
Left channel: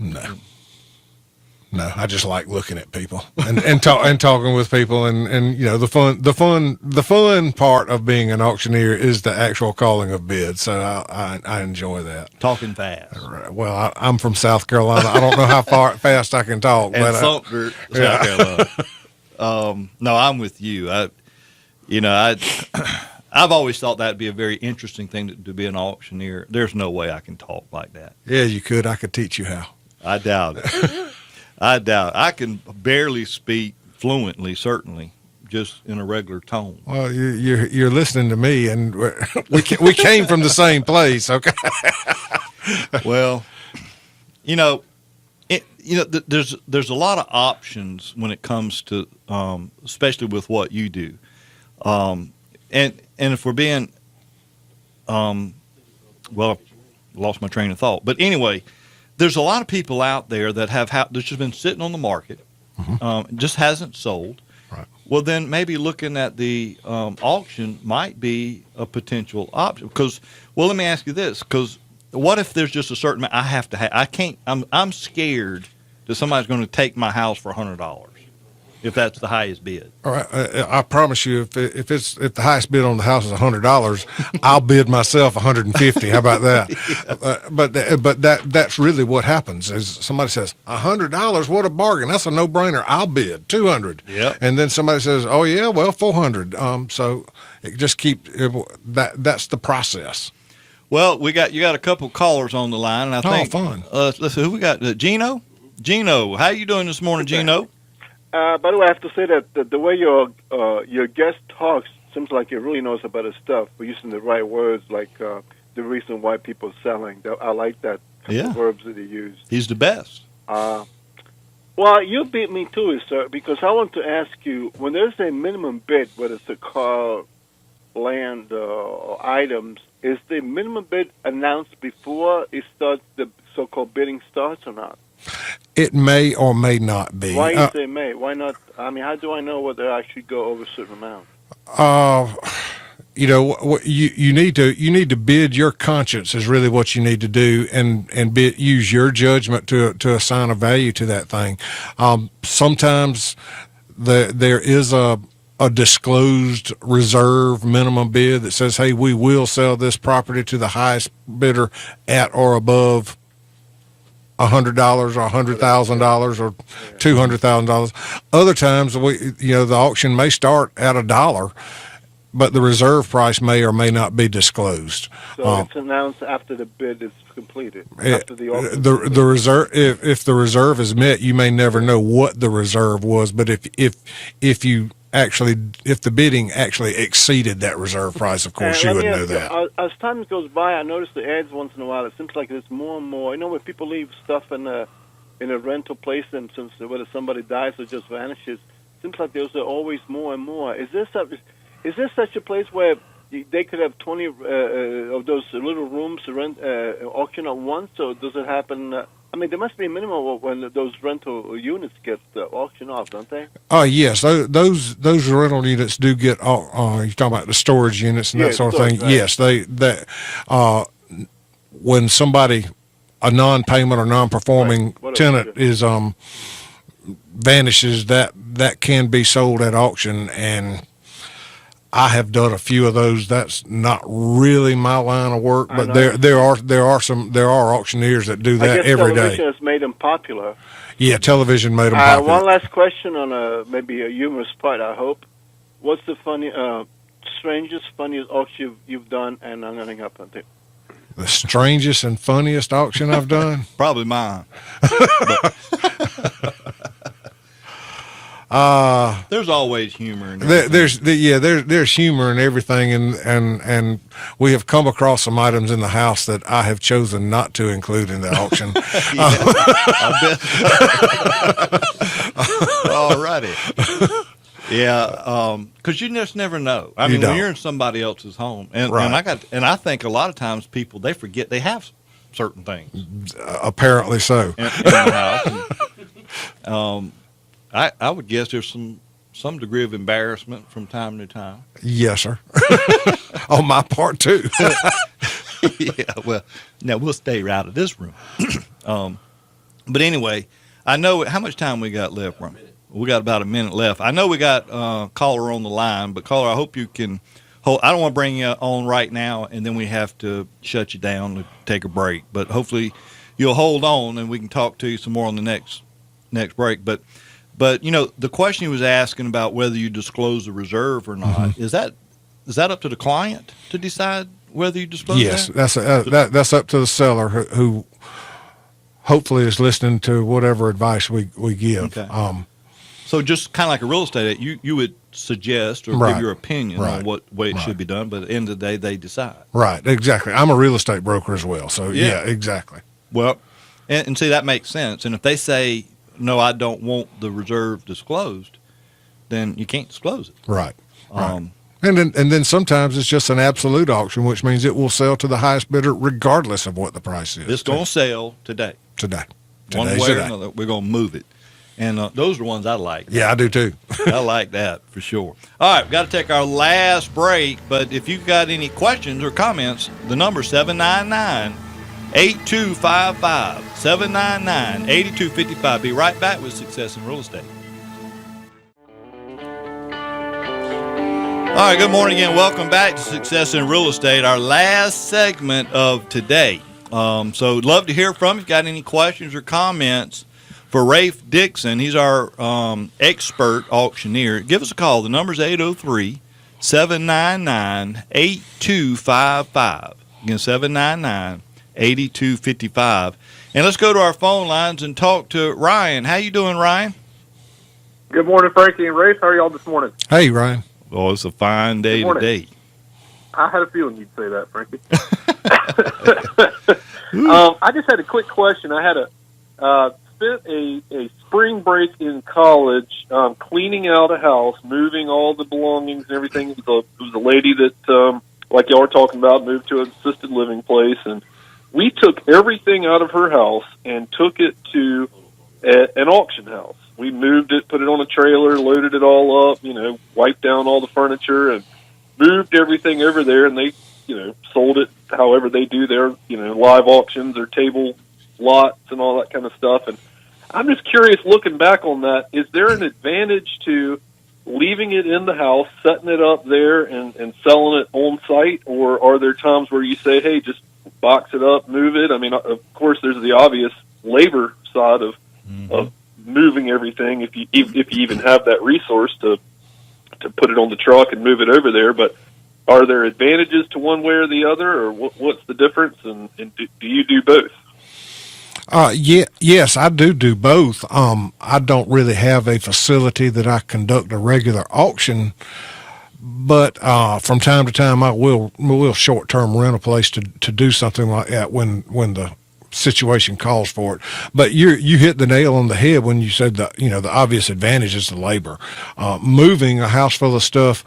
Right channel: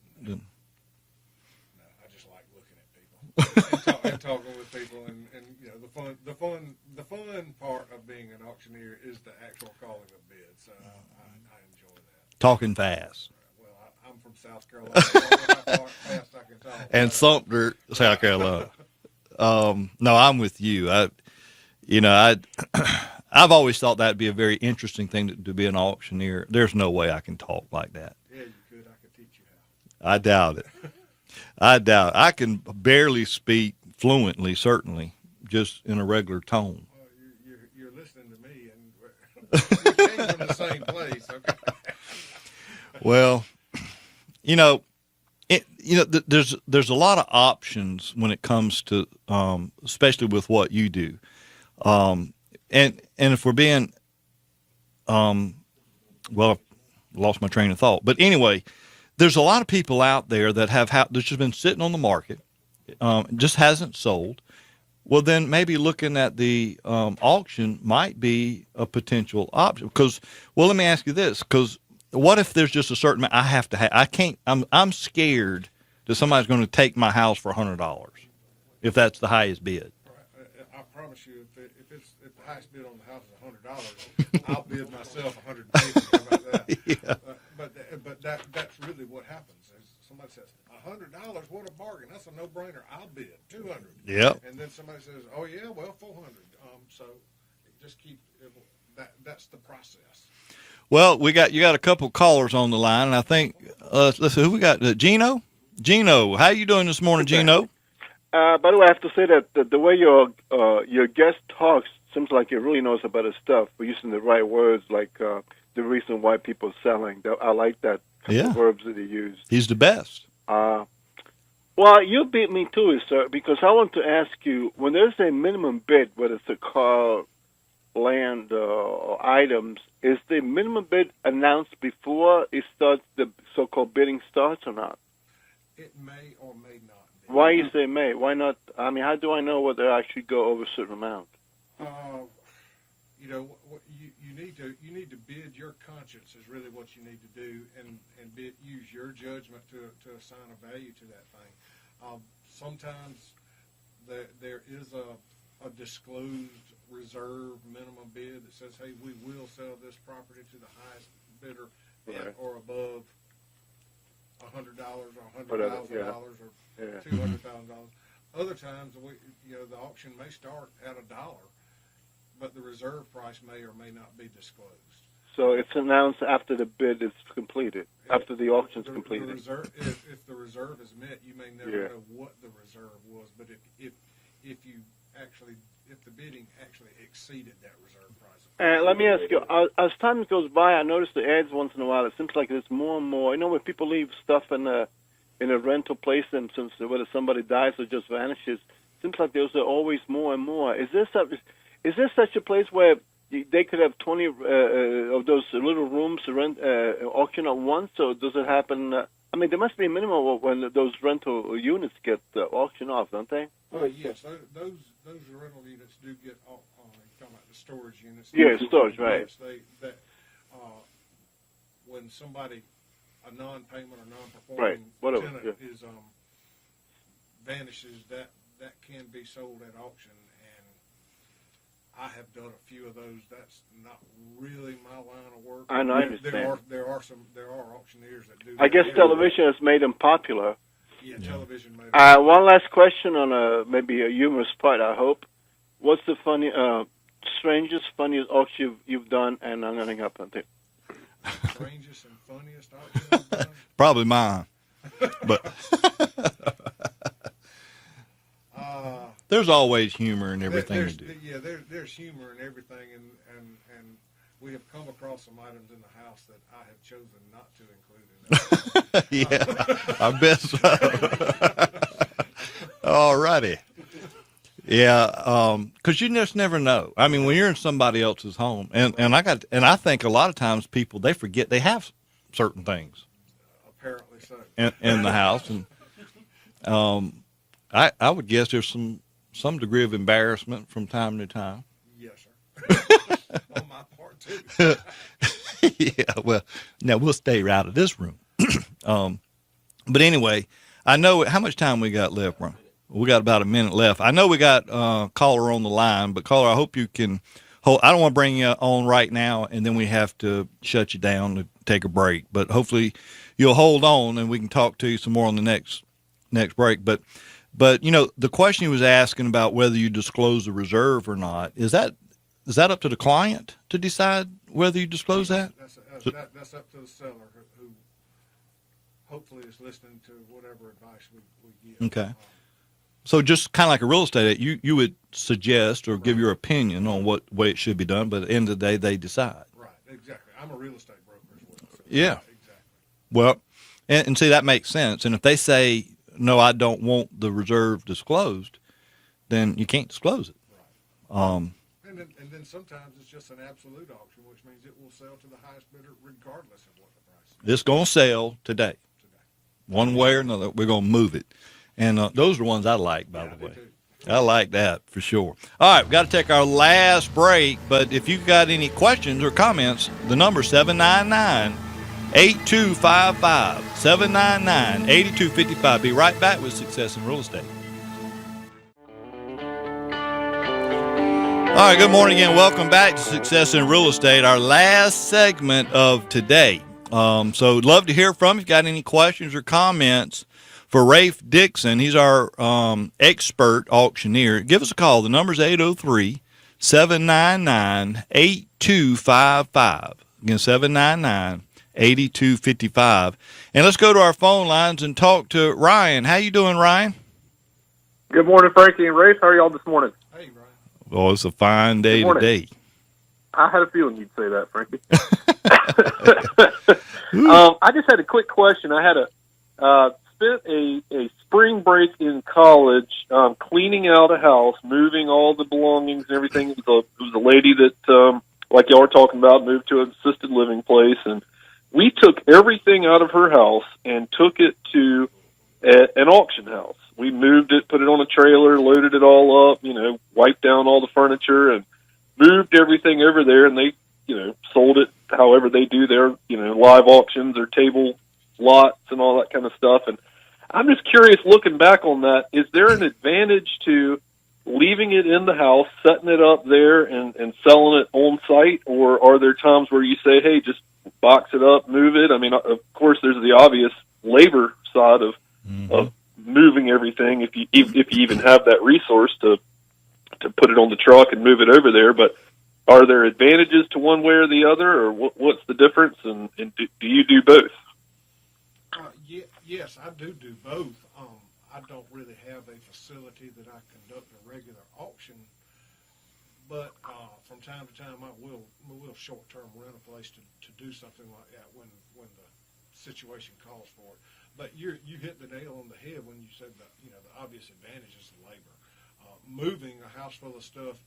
No, I just like looking at people and talking with people, and the fun part of being an auctioneer is the actual calling of bids. So I enjoy that. Talking fast. Well, I'm from South Carolina. I don't know how fast I can talk. And Sumter, South Carolina. No, I'm with you. I've always thought that'd be a very interesting thing to be an auctioneer. There's no way I can talk like that. Yeah, you could. I could teach you how. I doubt it. I can barely speak fluently, certainly, just in a regular tone. Well, you're listening to me, and we came from the same place, okay? Well, there's a lot of options when it comes to, especially with what you do, and if we're being, well, I lost my train of thought, but anyway. There's a lot of people out there that that's just been sitting on the market, just hasn't sold. Right. Well, then maybe looking at the auction might be a potential option. Because, well, let me ask you this: because what if there's just a certain I have to have? I can't. I'm scared that somebody's going to take my house for $100 if that's the highest bid. All right, I promise you, if the highest bid on the house is $100, I'll bid myself $150. How about that? Yeah. But that's really what happens. Is somebody says $100, what a bargain! That's a no-brainer. I'll bid $200. Yeah. And then somebody says, oh yeah, well $400. So it just that's the process. Well, you got a couple callers on the line, and I think fun. Let's see who we got. Gino, how you doing this morning, Gino? By the way, I have to say that the way your guest talks seems like he really knows about his stuff. We're using the right words, like the reason why people are selling. I like that verbs that he used. He's the best. Well, you beat me to it, sir, because I want to ask you, when there's a minimum bid, whether it's a car, land, or items, is the minimum bid announced before it starts, the so-called bidding starts, or not? It may or may not be. Why you say may? Why not? I mean, how do I know whether I actually go over a certain amount? You need to bid your conscience is really what you need to do, and use your judgment to assign a value to that thing. Sometimes there is a disclosed reserve minimum bid that says, hey, we will sell this property to the highest bidder at or above $100 or $100,000 or $200,000. Other times, the auction may start at $1, but the reserve price may or may not be disclosed. So it's announced after the bid is completed, after the auction. The reserve, if the reserve is met, you may never know what the reserve was. But if the bidding actually exceeded that reserve price, of course, you would know that. As time goes by, I notice the ads once in a while. It seems like there's more and more. When people leave stuff in a rental place, and since whether somebody dies or just vanishes, it seems like there's always more and more. Is this such a place where they could have 20 of those little rooms to rent auction at once, or does it happen? There must be a minimum when those rental units get auctioned off, don't they? Oh, yes. Those rental units do get. You're talking about the storage units and that sort of thing. Right. Yes, when somebody, a non-payment or non-performing tenant is vanishes, that can be sold at auction, and I have done a few of those. That's not really my line of work, but there are auctioneers that do that every day. I guess television has made them popular. Yeah, television made them popular. One last question on maybe a humorous part, I hope. What's the strangest, funniest auction you've done, and I'm running up on it? The strangest and funniest auction I've done? Probably mine. There's always humor in everything. There's humor in everything, and we have come across some items in the house that I have chosen not to include in the auction. I bet. All righty. Yeah, because you just never know. When you're in somebody else's home, and I think a lot of times people, they forget they have certain things Apparently so. in the house. And, I would guess there's some degree of embarrassment from time to time. Yes, sir. On my part too. Yeah, well, now we'll stay out of this room. But anyway, I know how much time we got left, Ron? We got about a minute left. I know we got caller on the line, but caller, I hope you can hold. I don't want to bring you on right now, and then we have to shut you down to take a break. But hopefully, you'll hold on, and we can talk to you some more on the next break. But you know, the question he was asking about whether you disclose the reserve or not, is that up to the client to decide whether you disclose Yes, that? that's up to the seller who hopefully is listening to whatever advice we give. Okay. So just kind of like a real estate, you would suggest or Right. give your opinion Right. on what way it Right. should be done, but at the end of the day, they decide. Right, exactly. I'm a real estate broker as well, so Yeah. yeah exactly. Well, and see, that makes sense. And if they say, no, I don't want the reserve disclosed, then you can't disclose it. Right. Um, And then sometimes it's just an absolute auction, which means it will sell to the highest bidder regardless of what the price is. It's going to sell today. today. One Today's way or today. another, we're going to move it. And those are the ones I like. Yeah, I do too. I like that for sure. All right, we've got to take our last break, but if you've got any questions or comments, the number 799-8255, 799-8255. Be right back with Success in Real Estate. All right, good morning again. Welcome back to Success in Real Estate, our last segment of today. So love to hear from you. If you got any questions or comments for Rafe Dixon, he's our expert auctioneer. Give us a call. The number's 803-799-8255. Again, 799-8255. And let's go to our phone lines and talk to Ryan. How you doing, Ryan? Good morning, Frankie and Rafe. How are y'all this morning? Hey, Ryan. Oh, it's a fine day Good morning. today. I had a feeling you'd say that, Frankie. I just had a quick question. I had spent a spring break in college cleaning out a house, moving all the belongings and everything. It was a lady that, like y'all were talking about, moved to an assisted living place, and we took everything out of her house and took it to an auction house. We moved it, put it on a trailer, loaded it all up, wiped down all the furniture and moved everything over there, and they, sold it however they do their, live auctions or table lots and all that kind of stuff. And I'm just curious, looking back on that, is there an advantage to leaving it in the house, setting it up there and selling it on site, or are there times where you say, hey, just box it up, move it? I mean, of course, there's the obvious labor side of moving everything if you even have that resource to put it on the truck and move it over there. But are there advantages to one way or the other, or what's the difference? And do you do both? Yes, I do both. I don't really have a facility that I conduct a regular auction, but from time to time I will short-term rent a place to do something like that when the situation calls for it. But you hit the nail on the head when you said the obvious advantage is the labor. Moving a house full of stuff,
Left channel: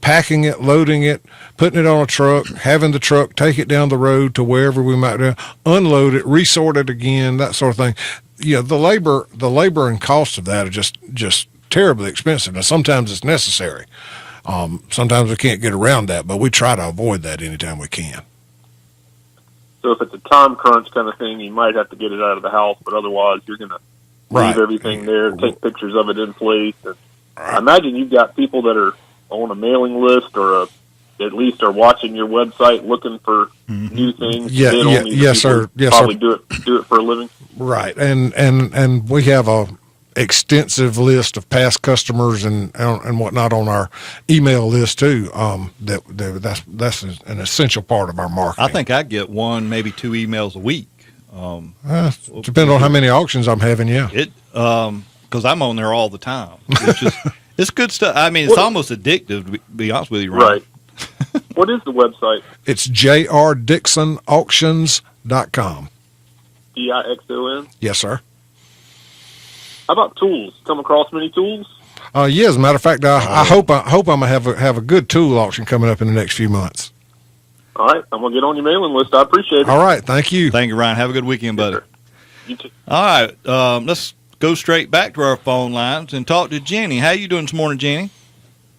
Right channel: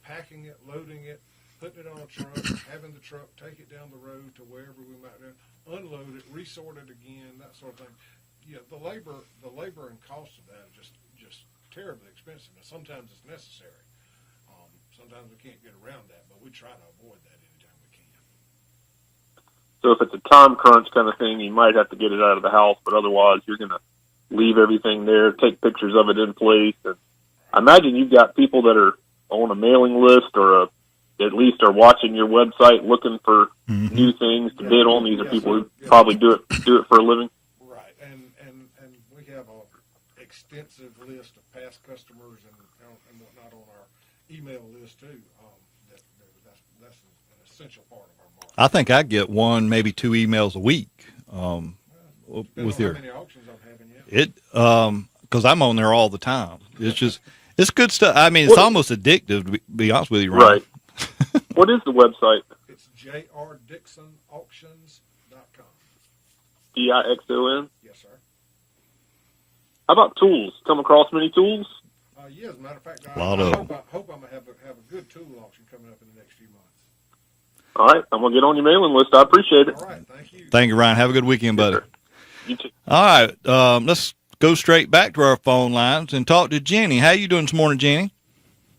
packing it, loading it, putting it on a truck, having the truck take it down the road to wherever we might do, unload it, resort it again, that sort of thing. The labor and cost of that are just terribly expensive. Now, sometimes it's necessary. Sometimes we can't get around that, but we try to avoid that anytime we can. So if it's a time crunch kind of thing, you might have to get it out of the house, but otherwise you're going to leave everything there, take pictures of it in place. And I imagine you've got people that are on a mailing list or at least are watching your website looking for new things to bid on. Yes, sir. Yes, probably sir. do it for a living. Right, and we have a extensive list of past customers and whatnot on our email list too. That's an essential part of our marketing. I think I get one, maybe two emails a week. Depending on how many auctions I'm having, yeah. Because I'm on there all the time. It's just it's good stuff. I mean, it's almost addictive, to be honest with you, Ryan. Right. What is the website? It's jrdixonauctions.com. DIXON? Yes, sir. How about tools? Come across many tools? Yeah, as a matter of fact, I hope I'm gonna have a good tool auction coming up in the next few months. All right, I'm gonna get on your mailing list. I appreciate it. All right. Thank you. Thank you, Ryan. Have a good weekend, buddy. sir. You too. All right, let's go straight back to our phone lines and talk to Jenny. How you doing this morning, Jenny?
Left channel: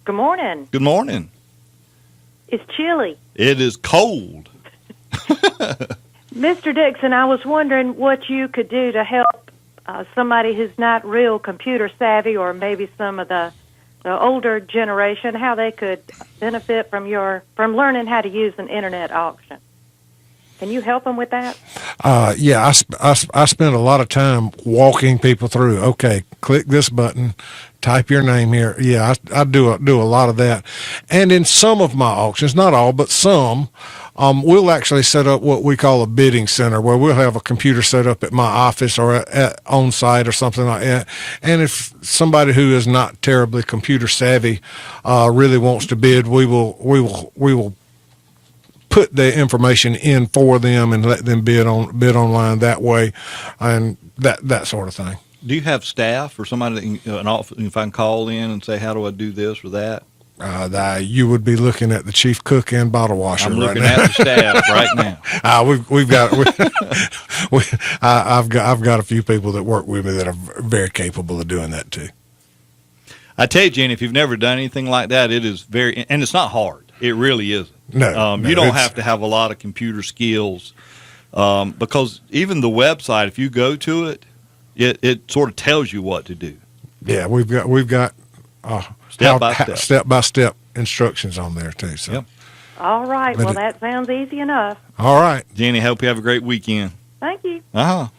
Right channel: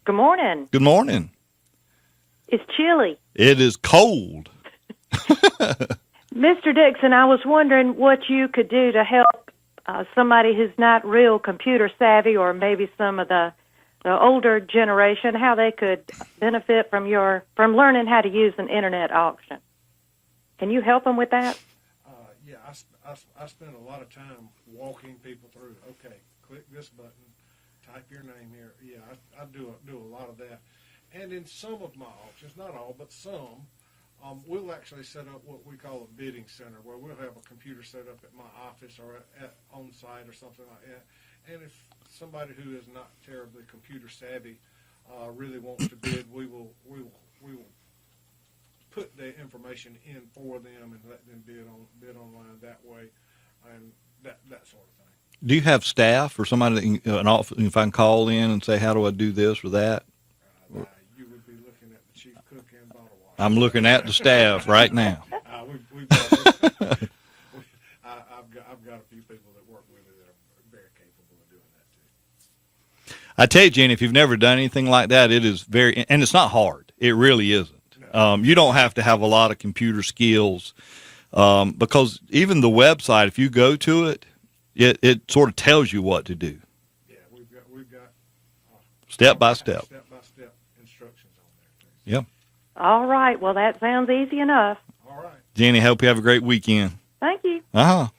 Good morning. Good morning. It's chilly. It is cold. Mr. Dixon, I was wondering what you could do to help somebody who's not real computer savvy, or maybe some of the older generation, how they could benefit from learning how to use an internet auction. Can you help them with that? Yeah, I spend a lot of time walking people through. Okay, click this button, type your name here. Yeah, I do a lot of that. And in some of my auctions, not all, but some, we'll actually set up what we call a bidding center, where we'll have a computer set up at my office or on site or something like that. And if somebody who is not terribly computer savvy really wants to bid, we will put the information in for them and let them bid online that way, and that sort of thing. Do you have staff or somebody that if I can call in and say, how do I do this or that? You would be looking at the chief cook and bottle washer. I'm looking right at the staff right now. We've got I've got a few people that work with me that are very capable of doing that too. I tell you, Jenny, if you've never done anything like that, it is and it's not hard. It really isn't. No, you don't have to have a lot of computer skills, because even the website, if you go to it, it sort of tells you what to do. Yeah, we've got Step by step instructions on there too. So. Yep. All right. Well, that sounds easy enough. All right, Jenny, hope you have a great weekend. Thank you. I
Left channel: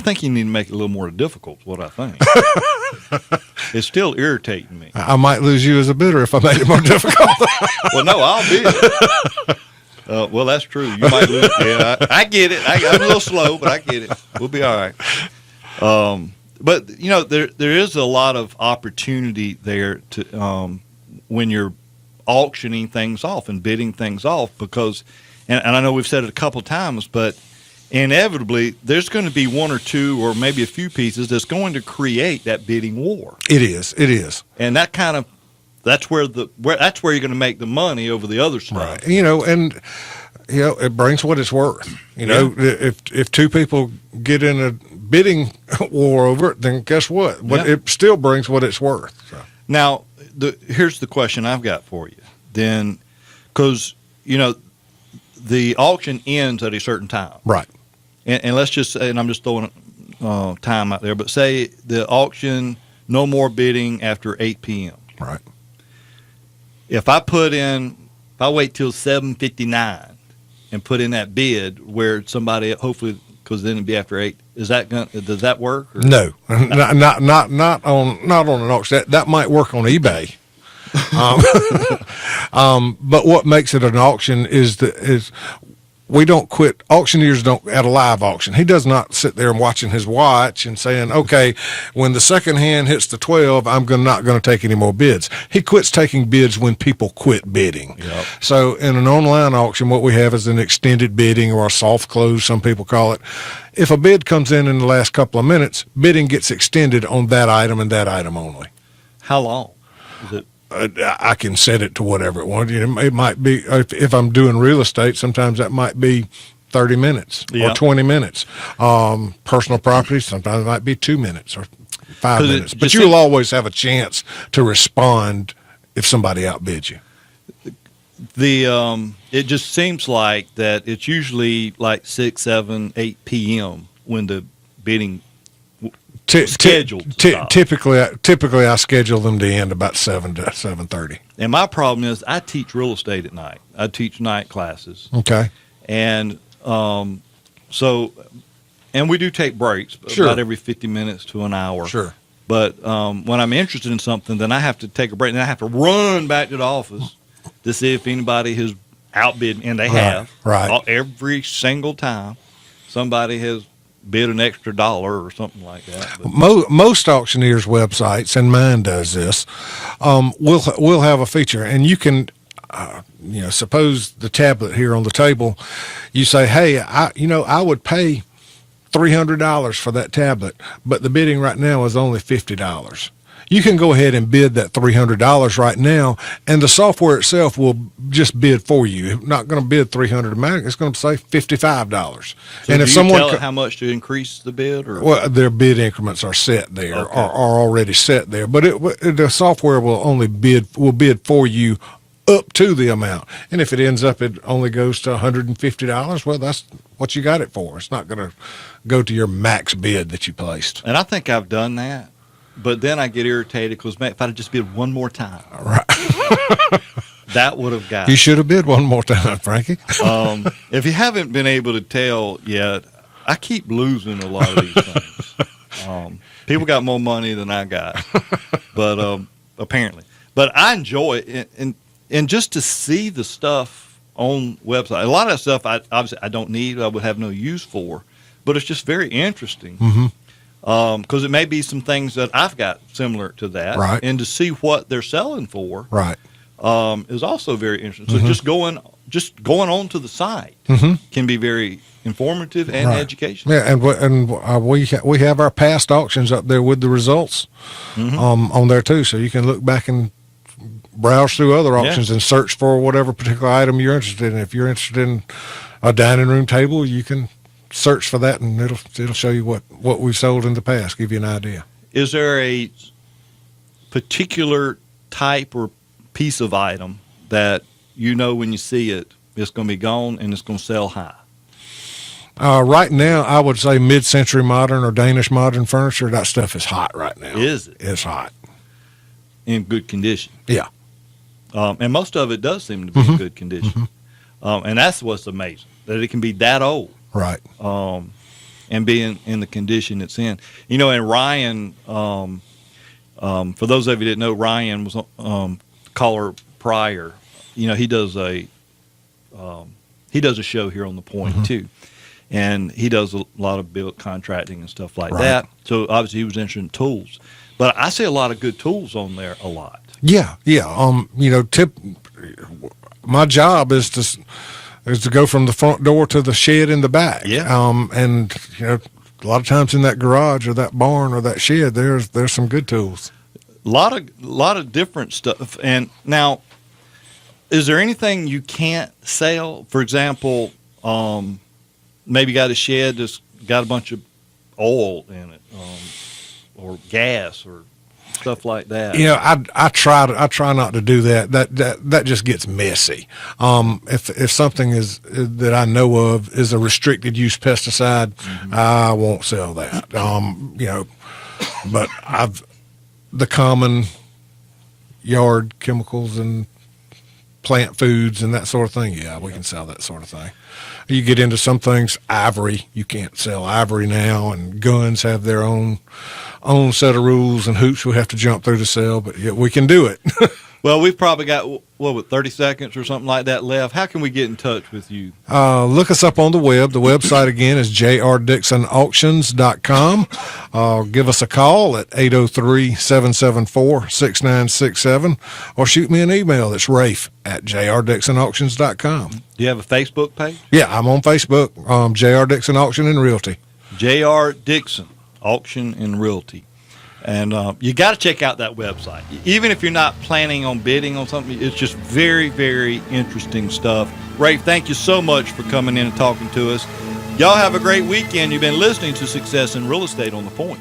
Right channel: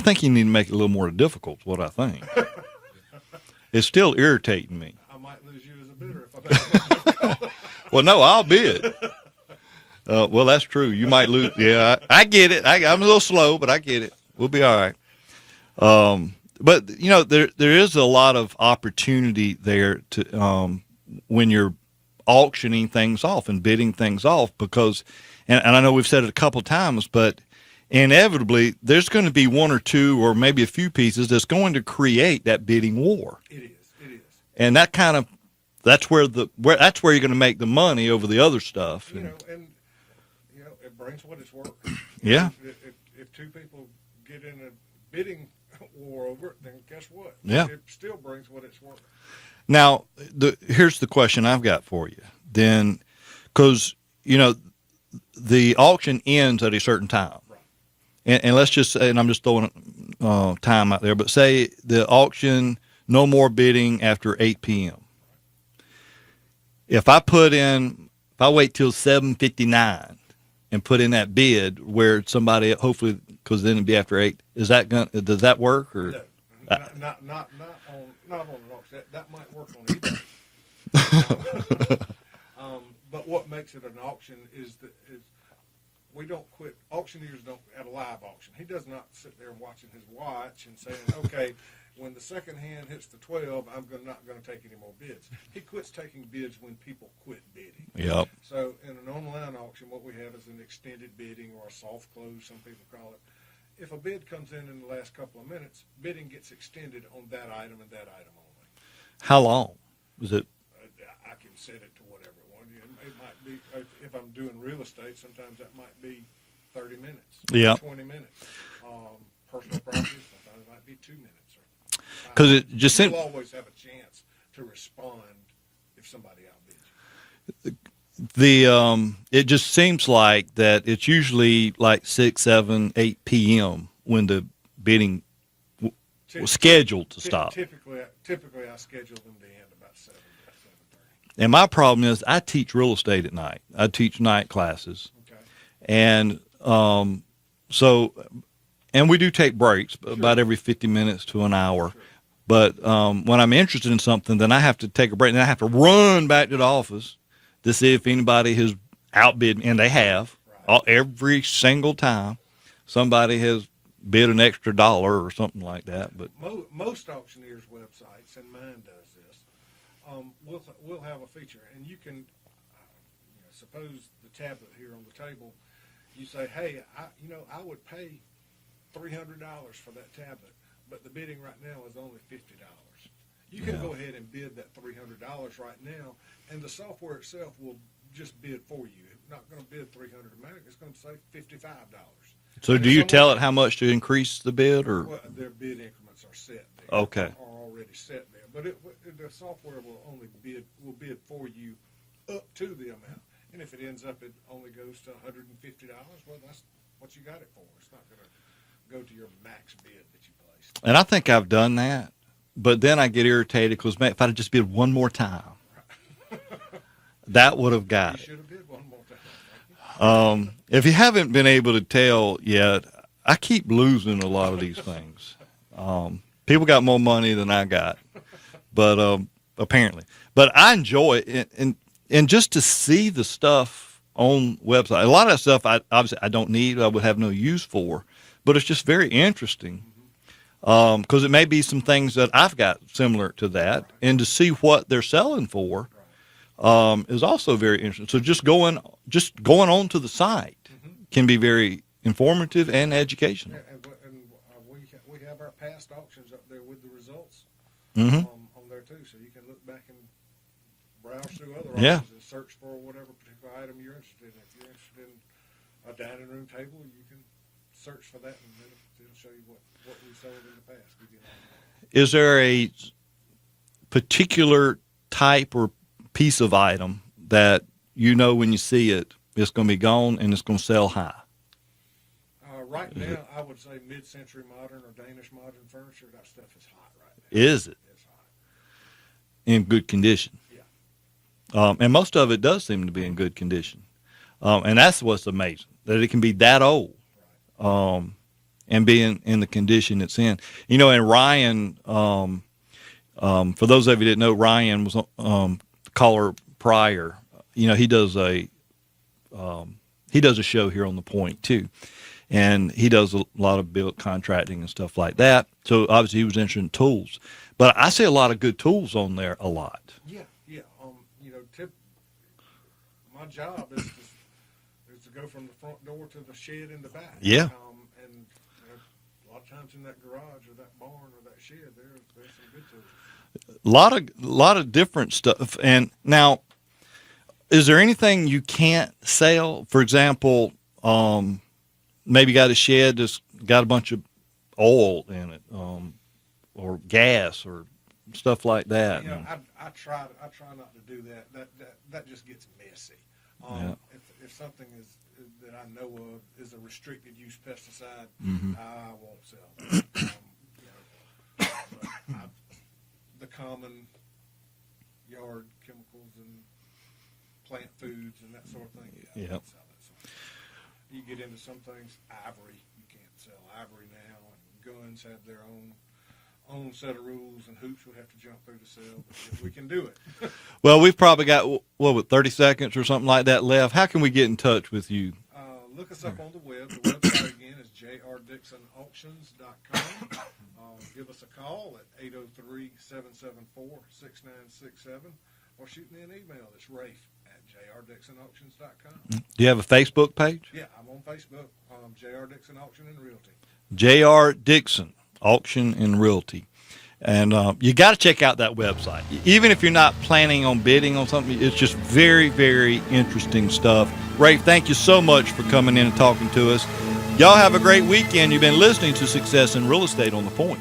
think you need to make it a little more difficult, is what I think. It's still irritating me. I might lose you as a bidder if I make it more difficult. Well, no, I'll bid. Well, that's true. You might lose. Yeah, I get it. I'm a little slow, but I get it. We'll be all right. But there is a lot of opportunity there to when you're auctioning things off and bidding things off, because, and I know we've said it a couple of times, but inevitably there's going to be one or two or maybe a few pieces that's going to create that bidding war. It is, and that's where you're going to make the money over the other stuff. Right. It brings what it's worth. If two people get in a bidding war over it, then guess what? It still brings what it's worth. So. Now, here's the question I've got for you. Then, because the auction ends at a certain time, right? And let's just say, and I'm just throwing time out there, but say the auction, no more bidding after 8 p.m. Right. If I wait till 7:59 and put in that bid where somebody, hopefully, because then it'd be after 8, does that work? Or? No, not on an auction. That might work on eBay. But what makes it an auction is we don't quit. Auctioneers don't at a live auction. He does not sit there and watching his watch and saying, okay, when the second hand hits the 12, I'm not going to take any more bids. He quits taking bids when people quit bidding. Yep. So in an online auction, what we have is an extended bidding, or a soft close, some people call it. If a bid comes in the last couple of minutes, bidding gets extended on that item and that item only. How long is it? I can set it to whatever it wants. It might be, if I'm doing real estate, sometimes that might be 30 minutes or 20 minutes. Personal property, sometimes it might be 2 minutes or 5 minutes. But you'll always have a chance to respond if somebody outbids you. It just seems like that it's usually like 6, 7, 8 p.m. when the bidding scheduled to stop. Typically, I schedule them to end about 7 to 7:30. And my problem is I teach real estate at night. I teach night classes. Okay. And so we do take breaks, Sure. about every 50 minutes to an hour. Sure. But when I'm interested in something, then I have to take a break, and I have to run back to the office to see if anybody has outbid me, and they have. Right. Every single time somebody has bid an extra $1 or something like that. But most auctioneers' websites, and mine does this, will have a feature, and you can, suppose the tablet here on the table, you say, hey, I would pay $300 for that tablet, but the bidding right now is only $50. you can go ahead and bid that $300 right now, and the software itself will just bid for you. It's not going to bid $300 automatic. It's going to say $55. So and do if you someone tell it how much to increase the bid? Or well, their bid increments are set there, Okay. are already set there. But the software will only bid for you up to the amount. And if it ends up it only goes to $150, well, that's what you got it for. It's not going to go to your max bid that you placed. And I think I've done that, but then I get irritated because if I'd just bid one more time, that would have got You it. should have bid one more time, Frankie. If you haven't been able to tell yet, I keep losing a lot of these things. People got more money than I got, but apparently. But I enjoy it, and just to see the stuff on website. A lot of that stuff obviously I don't need. I would have no use for, but it's just very interesting. Because it may be some things that I've got similar to that, Right. and to see what they're selling for, Right. is also very interesting. So just going onto the site can be very informative and Right. educational. Yeah, we have our past auctions up there with the results on there too, so you can look back and browse through other auctions and search for whatever particular item you're interested in. If you're interested in a dining room table, you can search for that, and it'll show you what we've sold in the past, give you an idea. Is there a particular type or piece of item that you know when you see it, it's going to be gone and it's going to sell high? Right now, I would say mid-century modern or Danish modern furniture. That stuff is hot right now. Is it? It's hot. In good condition. Yeah. And most of it does seem to be in good condition. And that's what's amazing, that it can be that old. Right. And being in the condition it's in. You know, and Ryan, for those of you that know, Ryan was caller prior. You know, he does a show here on the Point too, and he does a lot of build contracting and stuff like that. So obviously he was interested in tools, but I see a lot of good tools on there a lot. Yeah. You know, my job is to go from the front door to the shed in the back. Yeah. And you know, a lot of times in that garage or that barn or that shed, there's some good tools. A lot of different stuff. And now, is there anything you can't sell? For example, maybe got a shed that's got a bunch of oil in it, or gas or stuff like that. You know, I try not to do that. That just gets messy. If something is that I know of is a restricted use pesticide, I won't sell that. You know, but the common yard chemicals and plant foods and that sort of thing. Yeah, we can sell that sort of thing. You get into some things, ivory, you can't sell ivory now, and guns have their own set of rules and hoops we have to jump through to sell, but yeah, we can do it. Well, we've probably got, 30 seconds or something like that left. How can we get in touch with you? Look us up on the web. The website again is jrdixonauctions.com. Give us a call at 803-774-6967, or shoot me an email. That's rafe@jrdixonauctions.com. Do you have a Facebook page? Yeah, I'm on Facebook, J.R. Dixon Auction and Realty. J.R. Dixon Auction and Realty. And you got to check out that website. Even if you're not planning on bidding on something, it's just very, very interesting stuff. Rafe, thank you so much for coming in and talking to us. Y'all have a great weekend. You've been listening to Success in Real Estate on the Point.